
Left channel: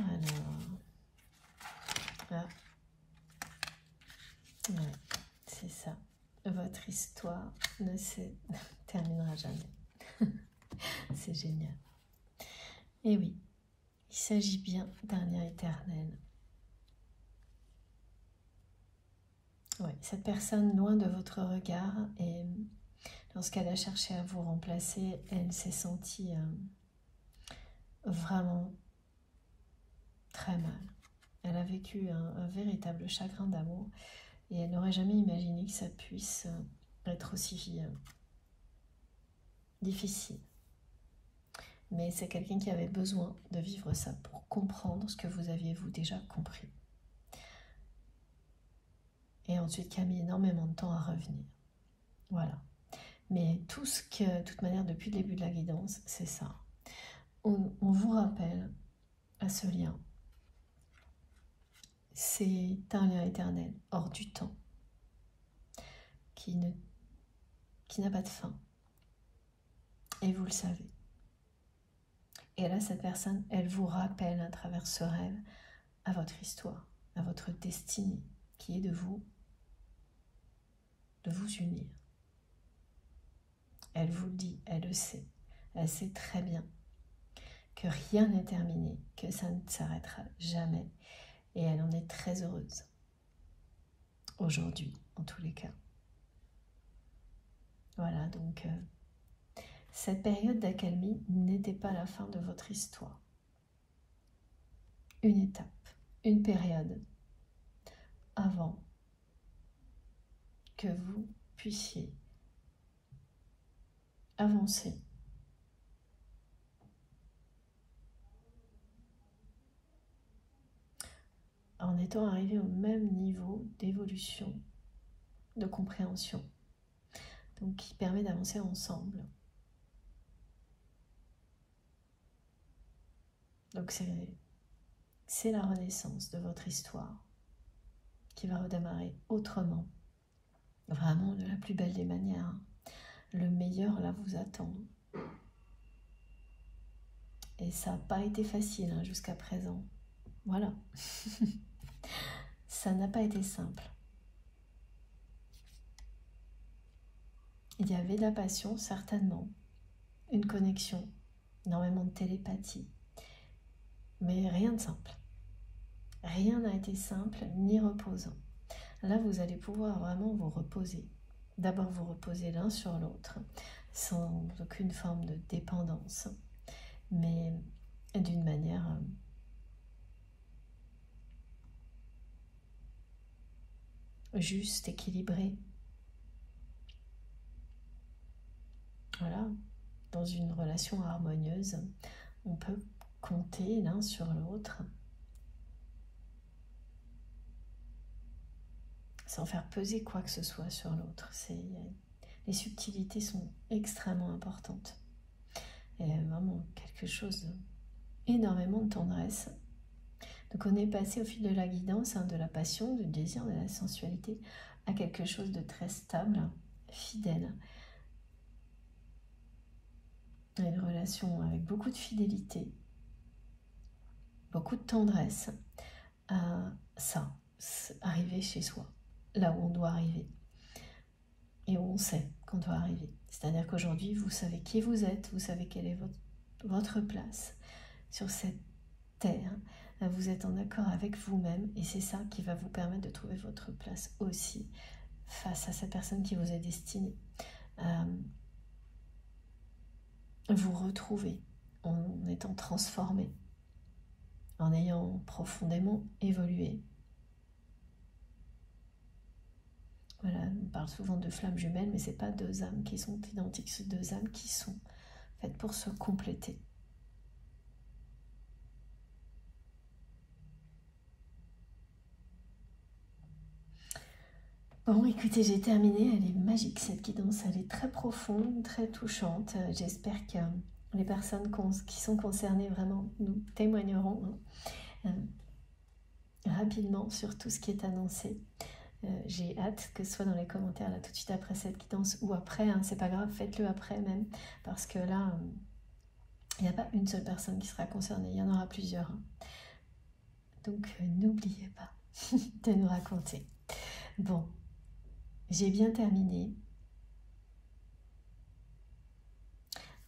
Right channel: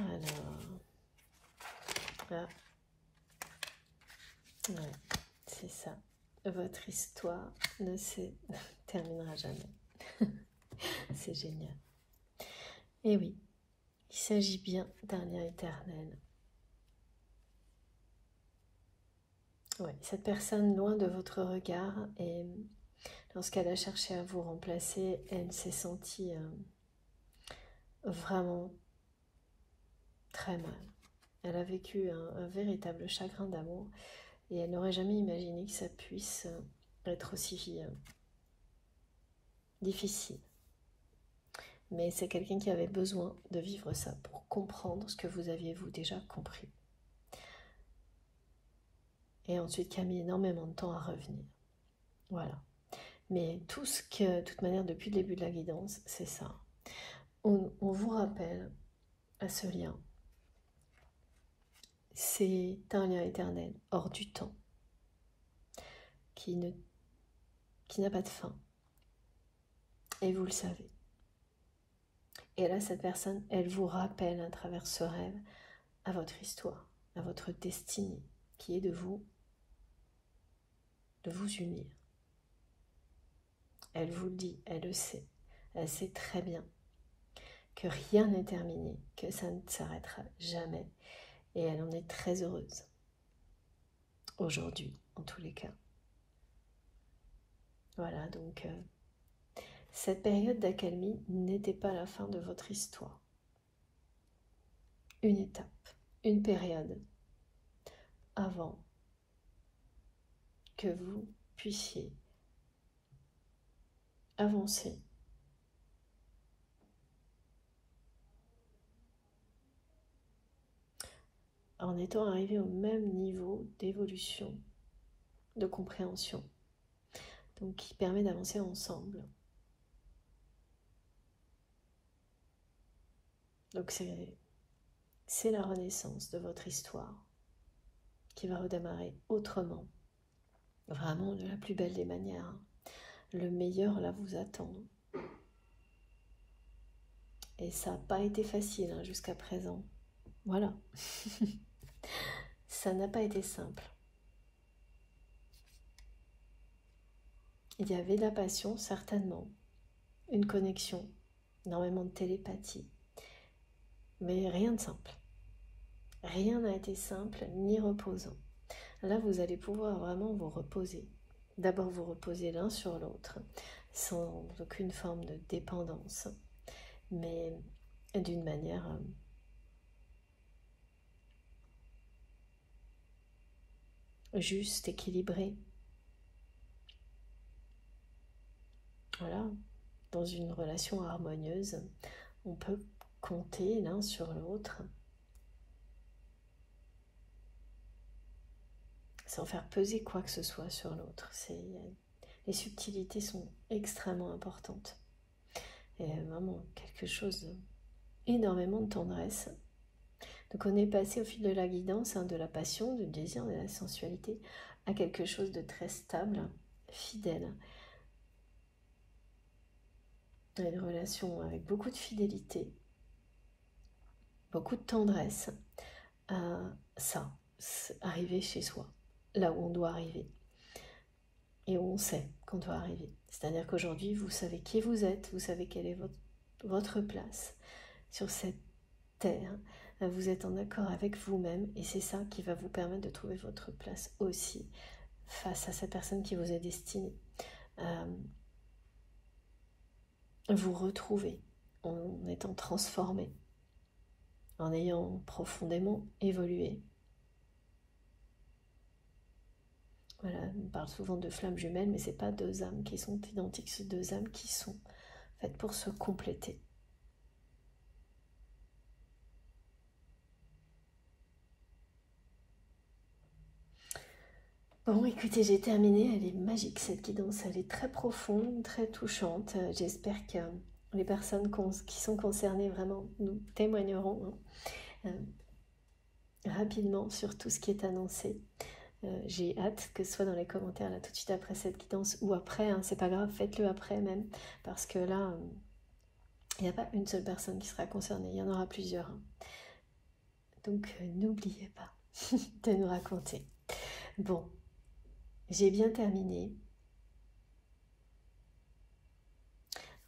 Ah. Ouais, c'est ça. Votre histoire ne se terminera jamais. C'est génial. Et oui, il s'agit bien d'un lien éternel. Oui, cette personne loin de votre regard, et lorsqu'elle a cherché à vous remplacer, elle s'est sentie vraiment très mal. Elle a vécu un véritable chagrin d'amour et elle n'aurait jamais imaginé que ça puisse être aussi difficile. Mais c'est quelqu'un qui avait besoin de vivre ça pour comprendre ce que vous aviez vous déjà compris. Et ensuite qui a mis énormément de temps à revenir. Voilà. Mais tout ce que, de toute manière, depuis le début de la guidance, c'est ça. On vous rappelle à ce lien. C'est un lien éternel, hors du temps, qui n'a pas de fin. Et vous le savez. Et là, cette personne, elle vous rappelle à travers ce rêve à votre histoire, à votre destinée, qui est de vous unir. Elle vous le dit, elle le sait. Elle sait très bien que rien n'est terminé, que ça ne s'arrêtera jamais. Et elle en est très heureuse. Aujourd'hui, en tous les cas. Voilà, donc cette période d'accalmie n'était pas la fin de votre histoire. Une étape, une période avant que vous puissiez avancer en étant arrivé au même niveau d'évolution, de compréhension, donc qui permet d'avancer ensemble. Donc c'est la renaissance de votre histoire qui va redémarrer autrement, vraiment de la plus belle des manières. Le meilleur là vous attend. Et ça n'a pas été facile hein, jusqu'à présent. Voilà. Ça n'a pas été simple. Il y avait de la passion, certainement. Une connexion, énormément de télépathie. Mais rien de simple. Rien n'a été simple ni reposant. Là, vous allez pouvoir vraiment vous reposer. D'abord, vous reposer l'un sur l'autre, sans aucune forme de dépendance, mais d'une manière juste, équilibrée. Voilà, dans une relation harmonieuse, on peut compter l'un sur l'autre, sans faire peser quoi que ce soit sur l'autre. Les subtilités sont extrêmement importantes. Et vraiment quelque chose d'énormément de tendresse. Donc on est passé au fil de la guidance, hein, de la passion, du désir, de la sensualité, à quelque chose de très stable, fidèle. Une relation avec beaucoup de fidélité, beaucoup de tendresse. Ça, arriver chez soi, là où on doit arriver. Et où on sait qu'on doit arriver. C'est-à-dire qu'aujourd'hui, vous savez qui vous êtes, vous savez quelle est votre place sur cette terre. Vous êtes en accord avec vous-même et c'est ça qui va vous permettre de trouver votre place aussi face à cette personne qui vous est destinée. Vous retrouver en étant transformé, en ayant profondément évolué. Voilà, on parle souvent de flammes jumelles, mais ce n'est pas deux âmes qui sont identiques, c'est deux âmes qui sont faites pour se compléter. Bon, écoutez, j'ai terminé. Elle est magique, cette guidance. Elle est très profonde, très touchante. J'espère que les personnes qui sont concernées vraiment nous témoigneront rapidement sur tout ce qui est annoncé. J'ai hâte que ce soit dans les commentaires là tout de suite après cette guidance ou après, hein, c'est pas grave, faites-le après même, parce que là, il n'y a pas une seule personne qui sera concernée, il y en aura plusieurs. Hein. Donc, n'oubliez pas de nous raconter. Bon. J'ai bien terminé.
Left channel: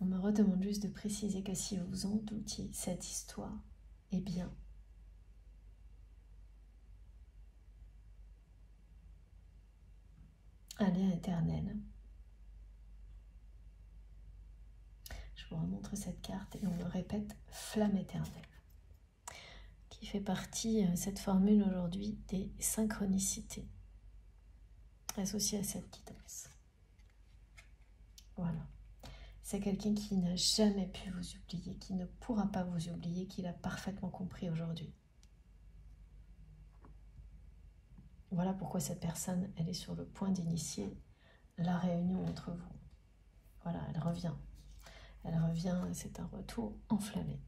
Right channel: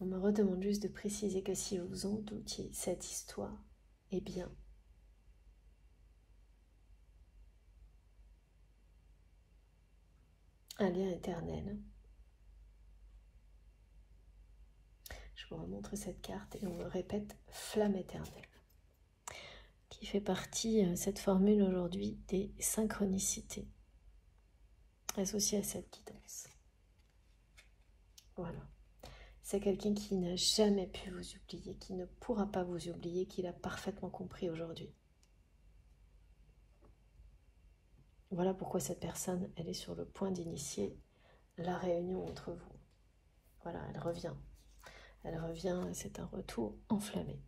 On me redemande juste de préciser que si vous en doutiez, cette histoire est bien. Un lien éternel. Je vous remontre cette carte et on me répète flamme éternelle. Qui fait partie, cette formule aujourd'hui, des synchronicités. Associé à cette guidance. Voilà. C'est quelqu'un qui n'a jamais pu vous oublier, qui ne pourra pas vous oublier, qui l'a parfaitement compris aujourd'hui. Voilà pourquoi cette personne, elle est sur le point d'initier la réunion entre vous. Voilà, elle revient. Elle revient et c'est un retour enflammé.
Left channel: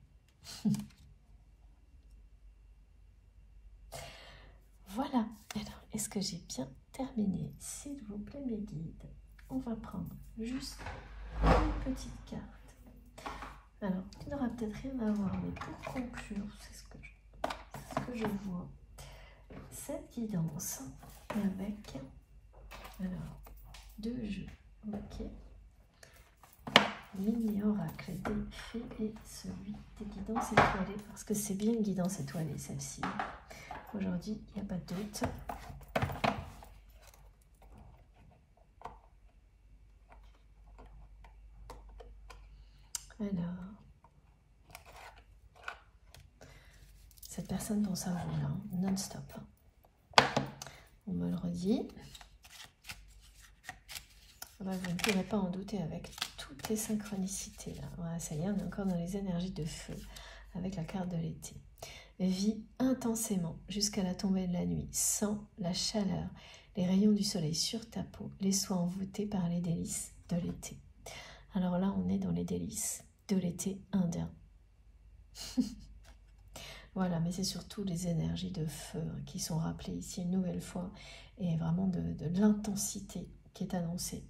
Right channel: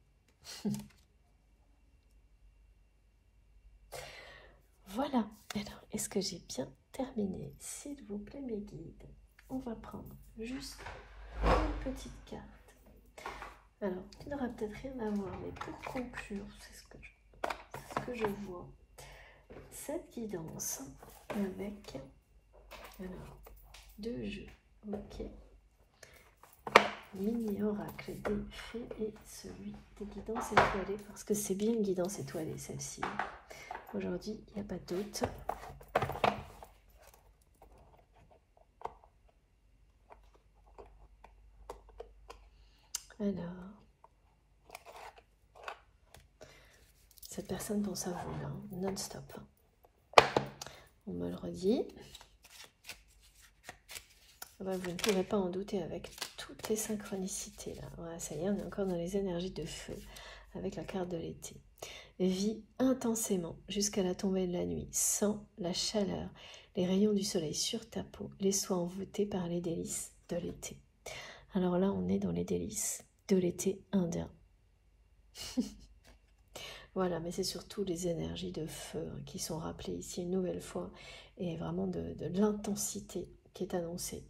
Voilà. Alors, est-ce que j'ai bien terminé? S'il vous plaît, mes guides, on va prendre juste une petite carte. Alors, qui n'aura peut-être rien à voir, mais pour conclure, c'est ce que je vois. Cette guidance avec alors 2 jeux, ok. Mini oracle des fées et celui des guidances étoilées, parce que c'est bien une guidance étoilée celle-ci. Aujourd'hui, il n'y a pas de doute. Alors, cette personne pense à vous, hein, non-stop. On me le redit. Vous ne pourrez pas en douter avec toutes les synchronicités. Là. Voilà, ça y est, on est encore dans les énergies de feu avec la carte de l'été. Vis intensément jusqu'à la tombée de la nuit, sans la chaleur, les rayons du soleil sur ta peau, les soins envoûtés par les délices de l'été. Alors là, on est dans les délices de l'été indien. Voilà, mais c'est surtout les énergies de feu qui sont rappelées ici une nouvelle fois, et vraiment de l'intensité qui est annoncée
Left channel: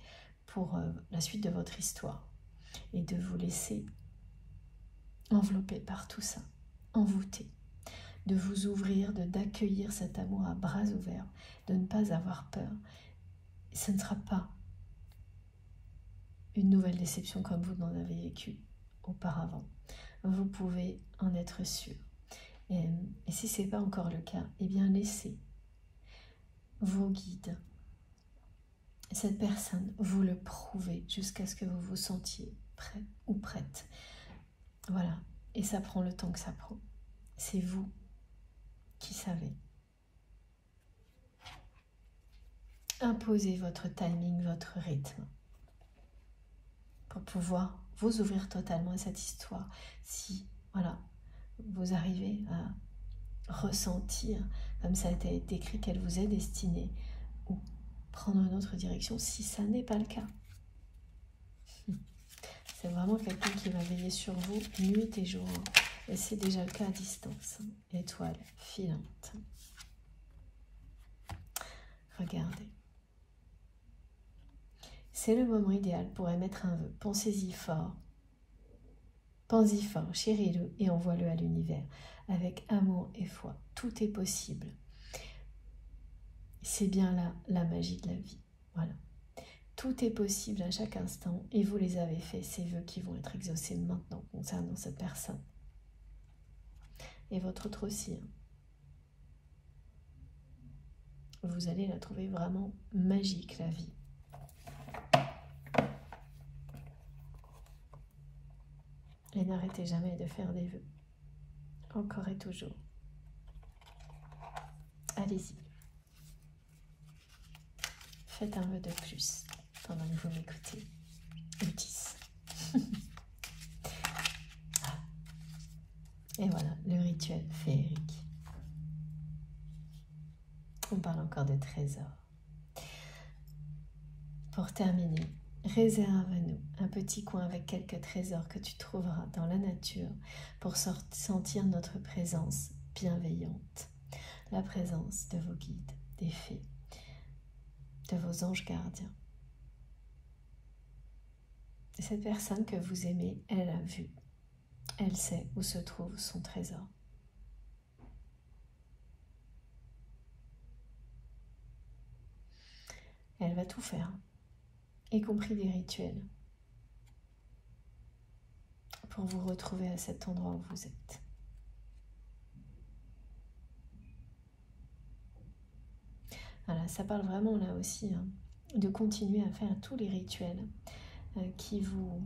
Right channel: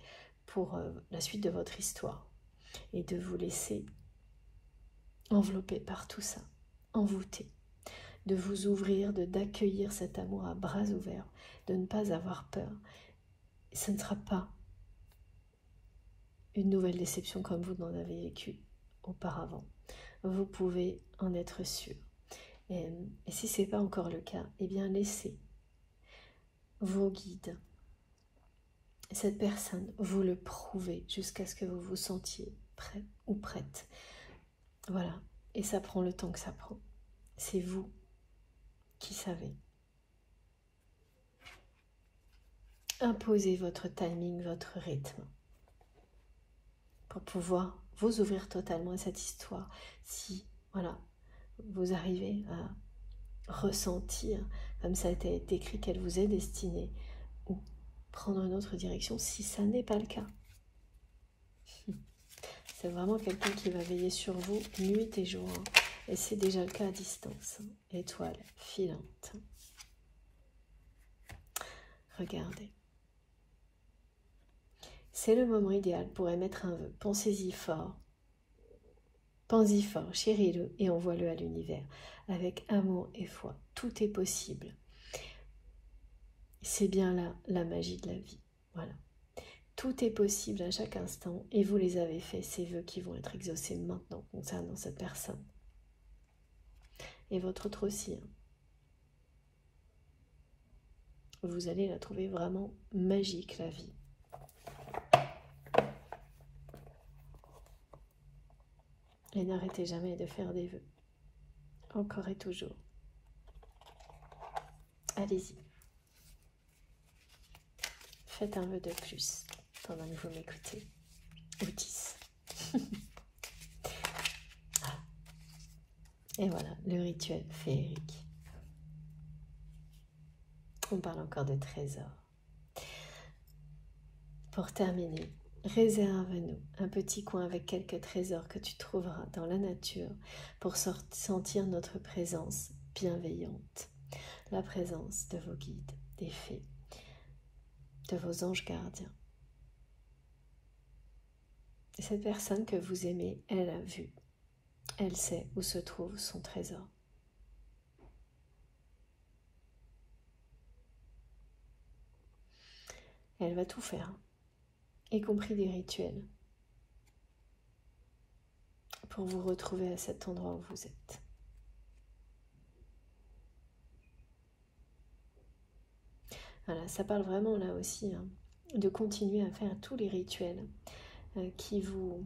pour la suite de votre histoire, et de vous laisser envelopper par tout ça, envoûter, de vous ouvrir, d'accueillir cet amour à bras ouverts, de ne pas avoir peur. Ce ne sera pas une nouvelle déception comme vous n'en avez vécu auparavant. Vous pouvez en être sûr. Et si ce n'est pas encore le cas, eh bien laissez vos guides, cette personne, vous le prouver jusqu'à ce que vous vous sentiez prêt ou prête. Voilà, et ça prend le temps que ça prend. C'est vous qui savez. Imposez votre timing, votre rythme, pour pouvoir vous ouvrir totalement à cette histoire. Si, voilà, vous arrivez à ressentir, comme ça a été écrit, qu'elle vous est destinée, ou prendre une autre direction, si ça n'est pas le cas. C'est vraiment quelqu'un qui va veiller sur vous nuit et jour. Et c'est déjà le cas à distance. Étoile filante. Regardez. C'est le moment idéal pour émettre un vœu. Pensez-y fort. Pensez-y fort, chéris-le et envoie-le à l'univers. Avec amour et foi. Tout est possible. C'est bien là la magie de la vie. Voilà. Tout est possible à chaque instant et vous les avez faits, ces vœux qui vont être exaucés maintenant concernant cette personne. Et votre autre aussi. Vous allez la trouver vraiment magique, la vie. Et n'arrêtez jamais de faire des vœux. Encore et toujours. Allez-y. Faites un vœu de plus pendant que vous m'écoutez. Ou 10. Et voilà, le rituel féerique. On parle encore de trésors. Pour terminer, réserve-nous un petit coin avec quelques trésors que tu trouveras dans la nature pour sentir notre présence bienveillante. La présence de vos guides, des fées, de vos anges gardiens. Et cette personne que vous aimez, elle a vu. Elle sait où se trouve son trésor. Elle va tout faire, y compris des rituels, pour vous retrouver à cet endroit où vous êtes. Voilà, ça parle vraiment là aussi de continuer à faire tous les rituels qui vous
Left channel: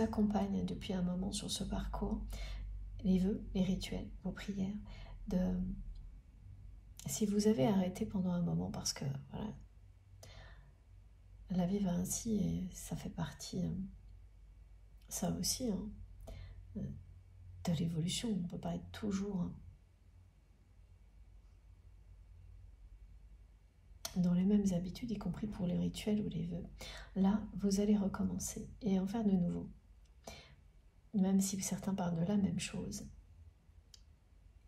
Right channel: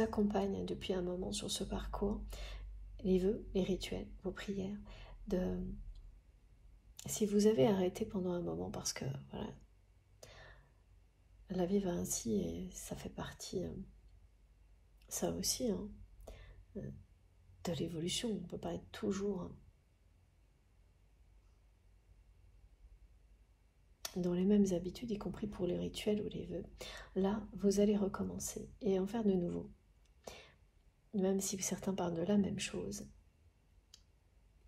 accompagnent depuis un moment sur ce parcours, les vœux, les rituels, vos prières. Si vous avez arrêté pendant un moment parce que voilà, la vie va ainsi et ça fait partie, ça aussi, de l'évolution. On ne peut pas être toujours dans les mêmes habitudes, y compris pour les rituels ou les vœux. Là, vous allez recommencer et en faire de nouveau. Même si certains parlent de la même chose.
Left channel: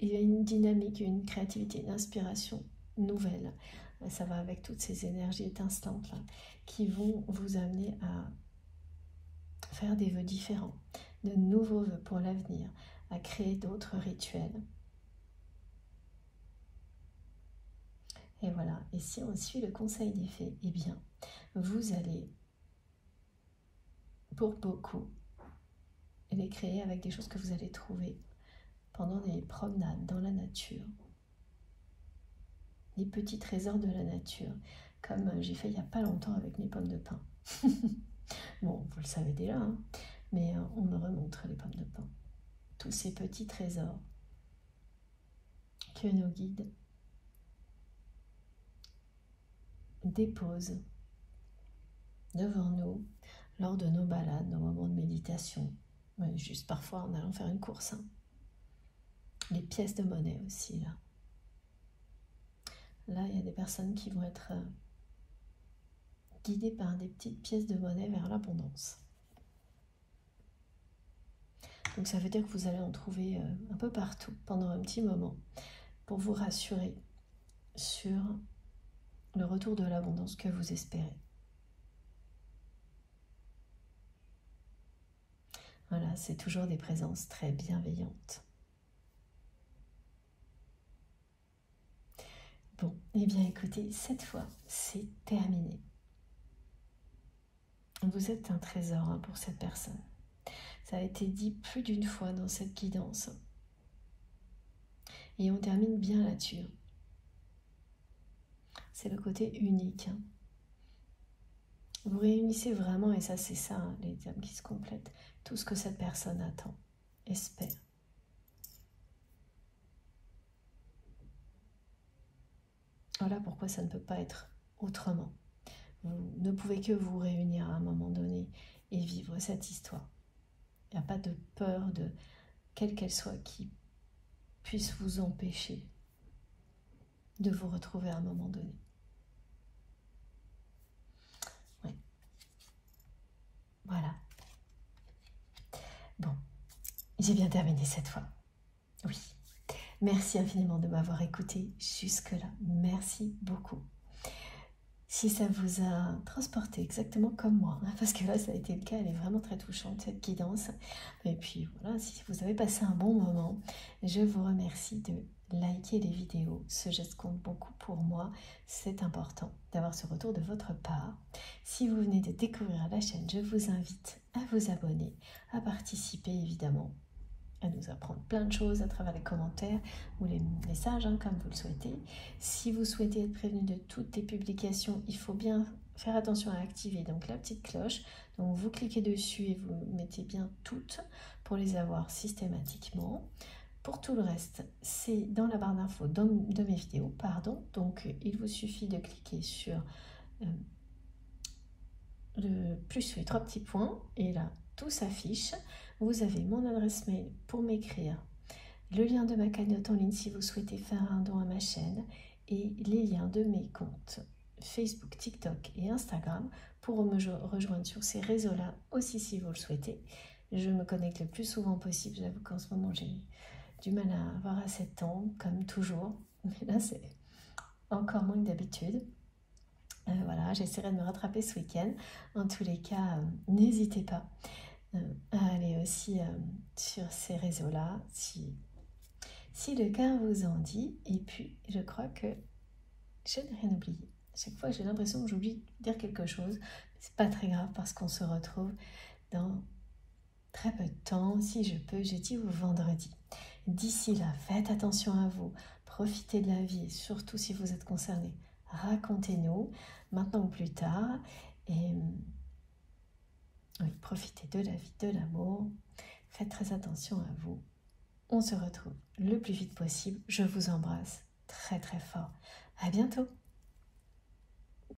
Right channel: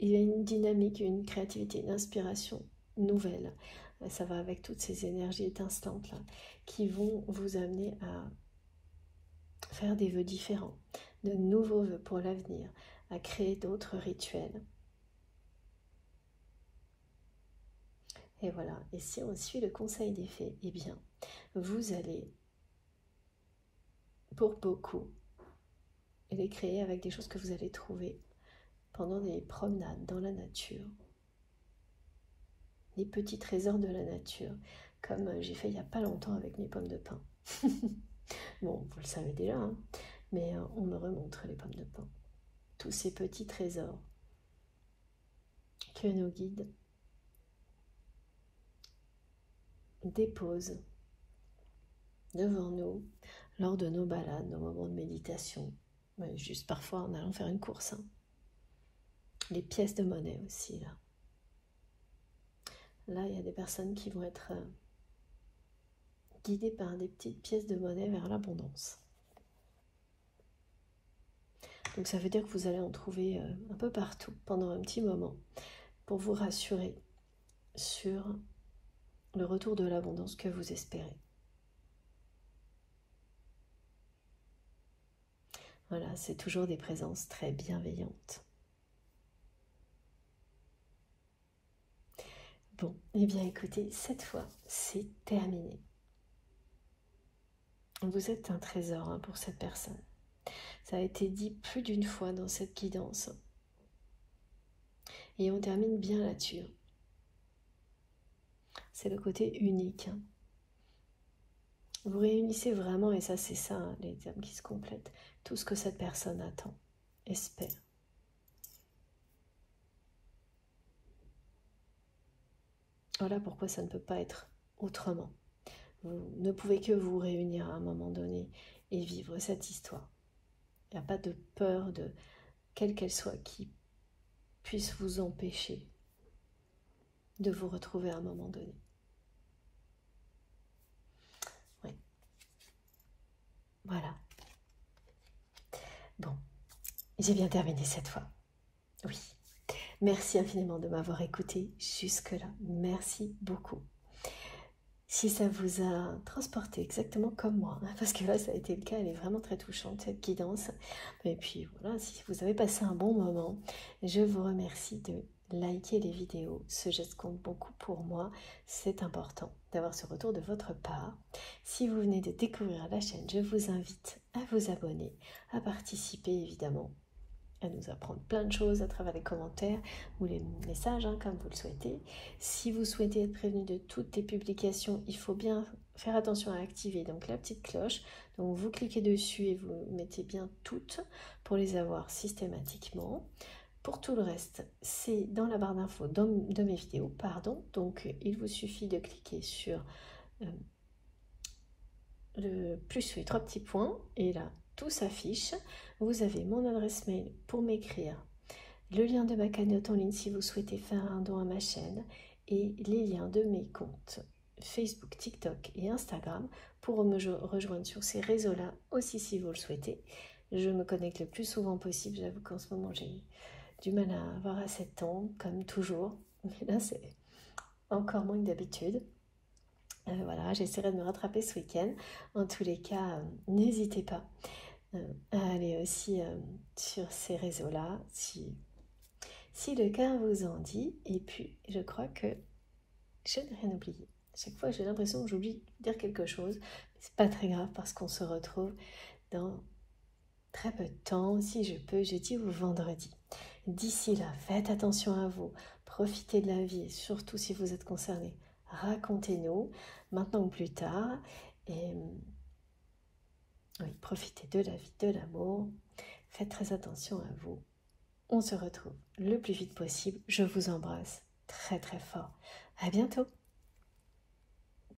Il y a une dynamique, une créativité, une inspiration nouvelle. Ça va avec toutes ces énergies étincelantes là, qui vont vous amener à faire des vœux différents, de nouveaux vœux pour l'avenir, à créer d'autres rituels. Et voilà, et si on suit le conseil des fées, eh bien, vous allez, pour beaucoup, les créer avec des choses que vous allez trouver pendant des promenades dans la nature. Des petits trésors de la nature, comme j'ai fait il n'y a pas longtemps avec mes pommes de pin. Bon, vous le savez déjà, mais on me remontre les pommes de pin. Tous ces petits trésors que nos guides déposent devant nous lors de nos balades, nos moments de méditation, juste parfois en allant faire une course. Les pièces de monnaie aussi, là. Là, il y a des personnes qui vont être guidées par des petites pièces de monnaie vers l'abondance. Donc ça veut dire que vous allez en trouver un peu partout pendant un petit moment pour vous rassurer sur le retour de l'abondance que vous espérez. Voilà, c'est toujours des présences très bienveillantes. Bon, eh bien écoutez, cette fois, c'est terminé. Vous êtes un trésor pour cette personne. Ça a été dit plus d'une fois dans cette guidance. Et on termine bien là-dessus. C'est le côté unique. Vous réunissez vraiment, et ça c'est ça, les termes qui se complètent, tout ce que cette personne attend, espère. Voilà pourquoi ça ne peut pas être autrement. Vous ne pouvez que vous réunir à un moment donné et vivre cette histoire. Il n'y a pas de peur, de quelle qu'elle soit, qui puisse vous empêcher de vous retrouver à un moment donné. Oui. Voilà. Bon, j'ai bien terminé cette fois. Oui. Merci infiniment de m'avoir écouté jusque-là. Merci beaucoup. Si ça vous a transporté exactement comme moi, parce que là ça a été le cas, elle est vraiment très touchante cette guidance. Et puis voilà, si vous avez passé un bon moment, je vous remercie de liker les vidéos. Ce geste compte beaucoup pour moi, c'est important d'avoir ce retour de votre part. Si vous venez de découvrir la chaîne, je vous invite à vous abonner, à participer évidemment, à nous apprendre plein de choses à travers les commentaires ou les messages, comme vous le souhaitez. Si vous souhaitez être prévenu de toutes les publications, il faut bien faire attention à activer donc la petite cloche. Donc vous cliquez dessus et vous mettez bien toutes pour les avoir systématiquement. Pour tout le reste, c'est dans la barre d'infos de mes vidéos, pardon. Donc il vous suffit de cliquer sur le plus les 3 petits points et là tout s'affiche. Vous avez mon adresse mail pour m'écrire, le lien de ma cagnotte en ligne si vous souhaitez faire un don à ma chaîne et les liens de mes comptes Facebook, TikTok et Instagram pour me rejoindre sur ces réseaux-là aussi si vous le souhaitez. Je me connecte le plus souvent possible. J'avoue qu'en ce moment j'ai du mal à avoir assez de temps, comme toujours, mais là c'est encore moins que d'habitude. Voilà, j'essaierai de me rattraper ce week-end. En tous les cas, n'hésitez pas à aller aussi sur ces réseaux-là si le cœur vous en dit. Et puis, je crois que je n'ai rien oublié. Chaque fois, j'ai l'impression que j'oublie de dire quelque chose. C'est pas très grave parce qu'on se retrouve dans très peu de temps. Si je peux, jeudi ou vendredi. D'ici là, faites attention à vous. Profitez de la vie et surtout si vous êtes concerné, racontez-nous maintenant ou plus tard. Et oui, profitez de la vie, de l'amour. Faites très attention à vous. On se retrouve le plus vite possible. Je vous embrasse très très fort. À bientôt.